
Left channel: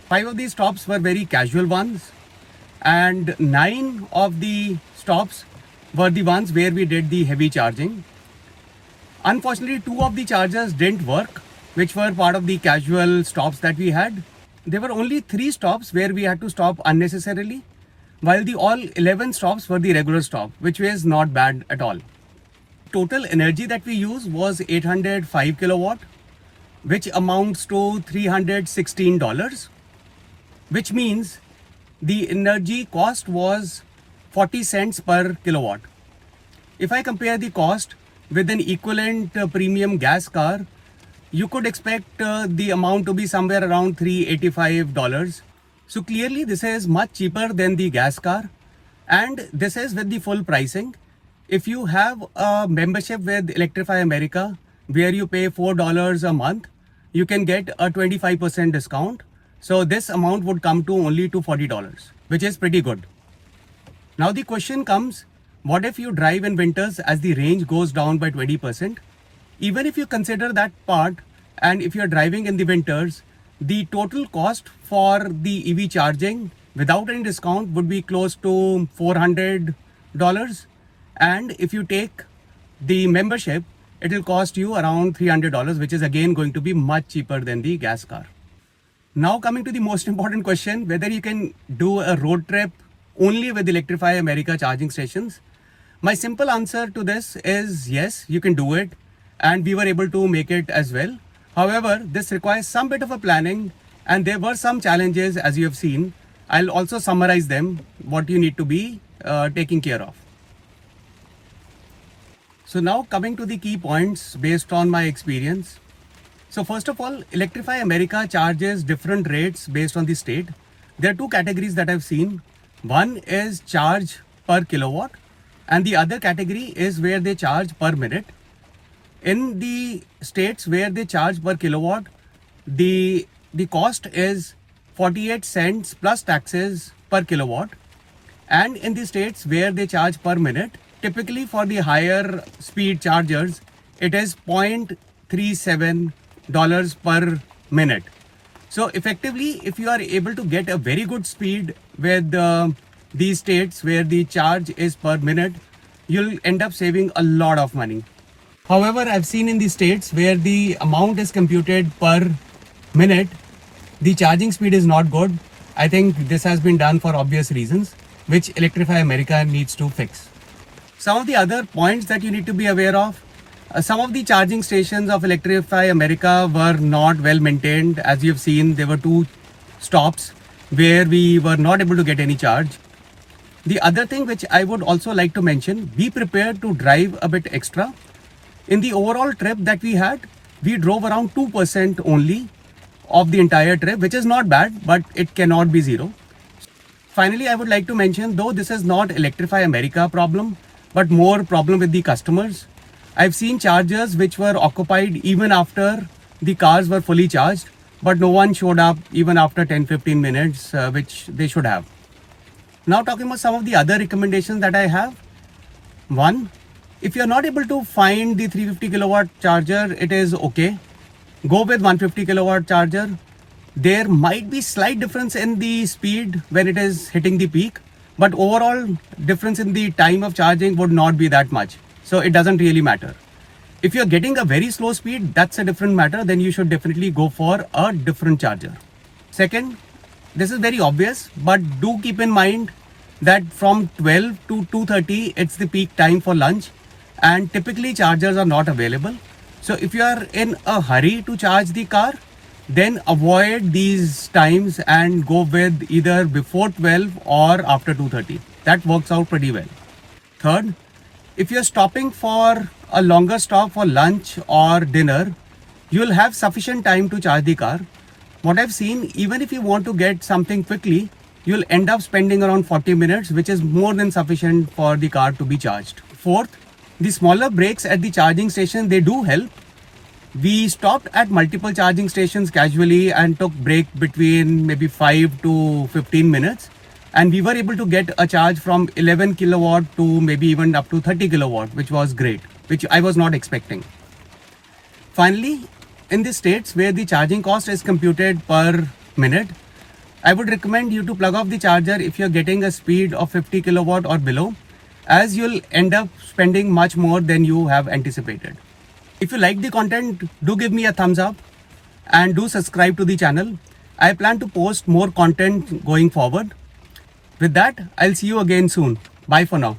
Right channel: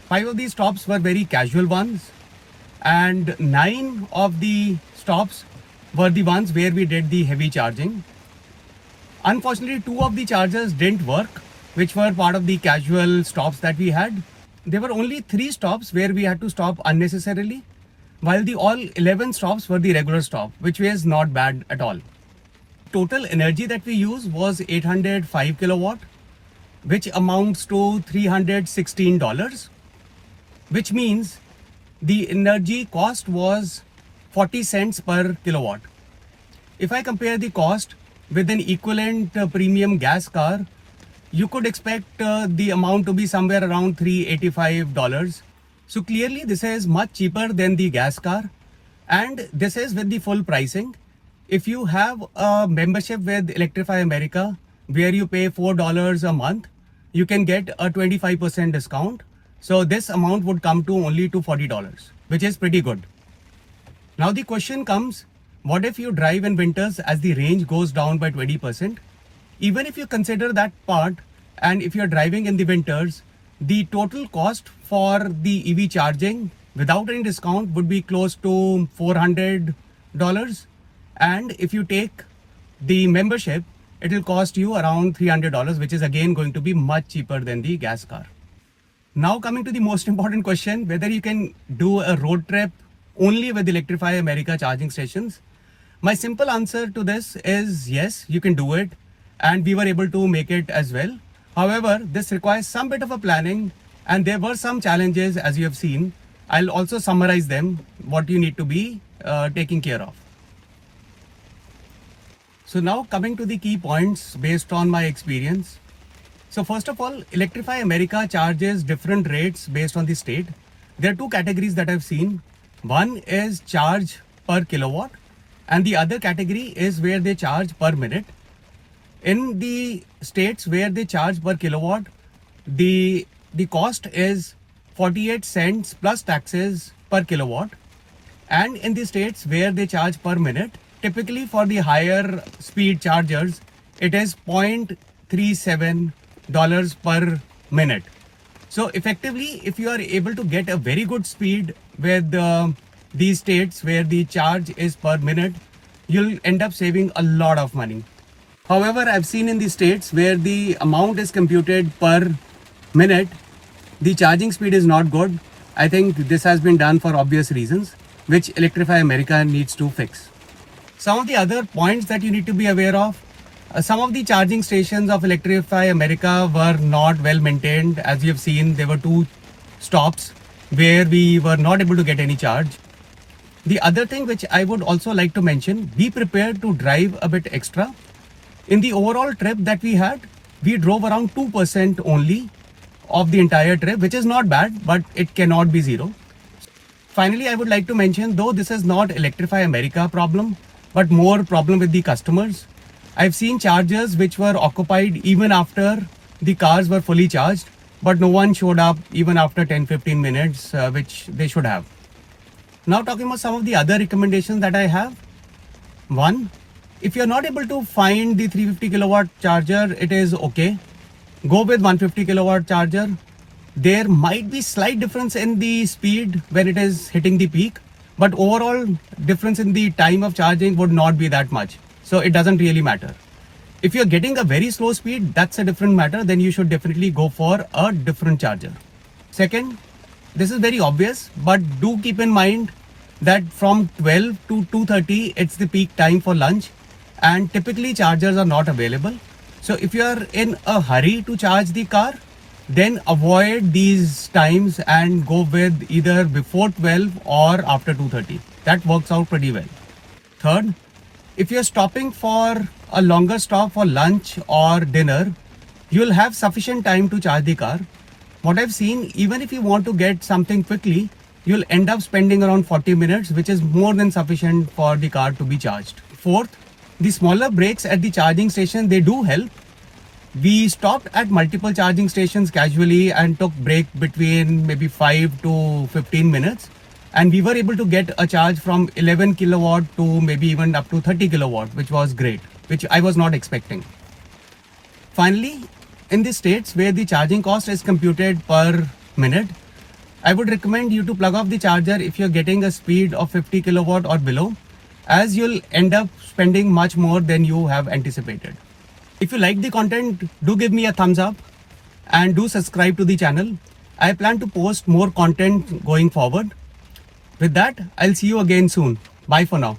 5 of these stops were very casual ones and 9 of the stops were the ones where we did the heavy charging. Unfortunately, 2 of the chargers didn't work, which were part of the casual stops that we had. There were only 3 stops where we had to stop unnecessarily, while the all 11 stops were the regular stop, which was not bad at all. Total energy that we used was 805 kilowatt, which amounts to $316, which means the energy cost was 40 cents per kilowatt. If I compare the cost with an equivalent premium gas car, you could expect the amount to be somewhere around $385. So clearly this is much cheaper than the gas car and this is with the full pricing. If you have a membership with Electrify America, where you pay $4 a month, you can get a 25% discount. So this amount would come to only to $40, which is pretty good. Now the question comes, what if you drive in winters as the range goes down by 20%? Even if you consider that part, and if you're driving in the winters, the total cost for the EV charging without any discount would be close to $400. And if you take the membership, it will cost you around $300, which is again going to be much cheaper than the gas car. Now coming to the most important question, whether you can do a road trip only with Electrify America charging stations. My simple answer to this is yes, you can do it, and we were able to make it as well. However, this requires some bit of a planning, and there were some challenges as you have seen. I'll also summarize them, what you need to be taking care of. So now coming to the key points based on my experience. So first of all, Electrify America charges different rates based on the state. There are two categories that I've seen. One is charge per kilowatt, and the other category is where they charge per minute. In the states where they charge per kilowatt, the cost is 48 cents plus taxes per kilowatt. And in the states where they charge per minute, typically for the higher speed chargers, it is $0.37 per minute. So effectively, if you are able to get a very good speed with these states where the charge is per minute, you'll end up saving a lot of money. However, I've seen in the states where the amount is computed per minute, the charging speed is not good. I think this has been done for obvious reasons, which Electrify America needs to fix. Some of the other points that you need to be aware of, some of the charging stations of Electrify America were not well maintained. As you have seen, there were 2 stops where we were not able to get any charge. The other thing which I would also like to mention, be prepared to drive a bit extra. In the overall trip that we had, we drove around 2% only of the entire trip, which is not bad, but it cannot be zero. Finally, I would like to mention, though this is not Electrify America problem, but more problem with the customers. I've seen chargers which were occupied even after the cars were fully charged, but no one showed up even after 10-15 minutes, which they should have. Now talking about some of the other recommendations that I have. One, if you're not able to find the 350 kilowatt charger, it is okay. Go with 150 kilowatt charger. There might be slight difference in the speed when it is hitting the peak, but overall difference in the time of charging would not be that much. So it doesn't really matter. If you're getting a very slow speed, that's a different matter. Then you should definitely go for a different charger. Second, this is very obvious, but do keep in mind that from 12 to 2:30, it's the peak time for lunch, and typically chargers are not available. So if you are in a hurry to charge the car, then avoid these times and go with either before 12 or after 2:30. That works out pretty well. Third, if you're stopping for a longer stop for lunch or dinner, you'll have sufficient time to charge the car. What I've seen, even if you want to get something quickly, you'll end up spending around 40 minutes, which is more than sufficient for the car to be charged. Fourth, the smaller breaks at the charging station, they do help. We stopped at multiple charging stations casually and took break between maybe 5 to 15 minutes. And we were able to get a charge from 11 kilowatt to maybe even up to 30 kilowatt, which was great, which I was not expecting. Finally, in the states where the charging cost is computed per minute, I would recommend you to plug off the charger if you're getting a speed of 50 kilowatt or below, as you'll end up spending much more than you have anticipated. If you like the content, do give me a thumbs up and do subscribe to the channel. I plan to post more content going forward. With that, I'll see you again soon. Bye for now.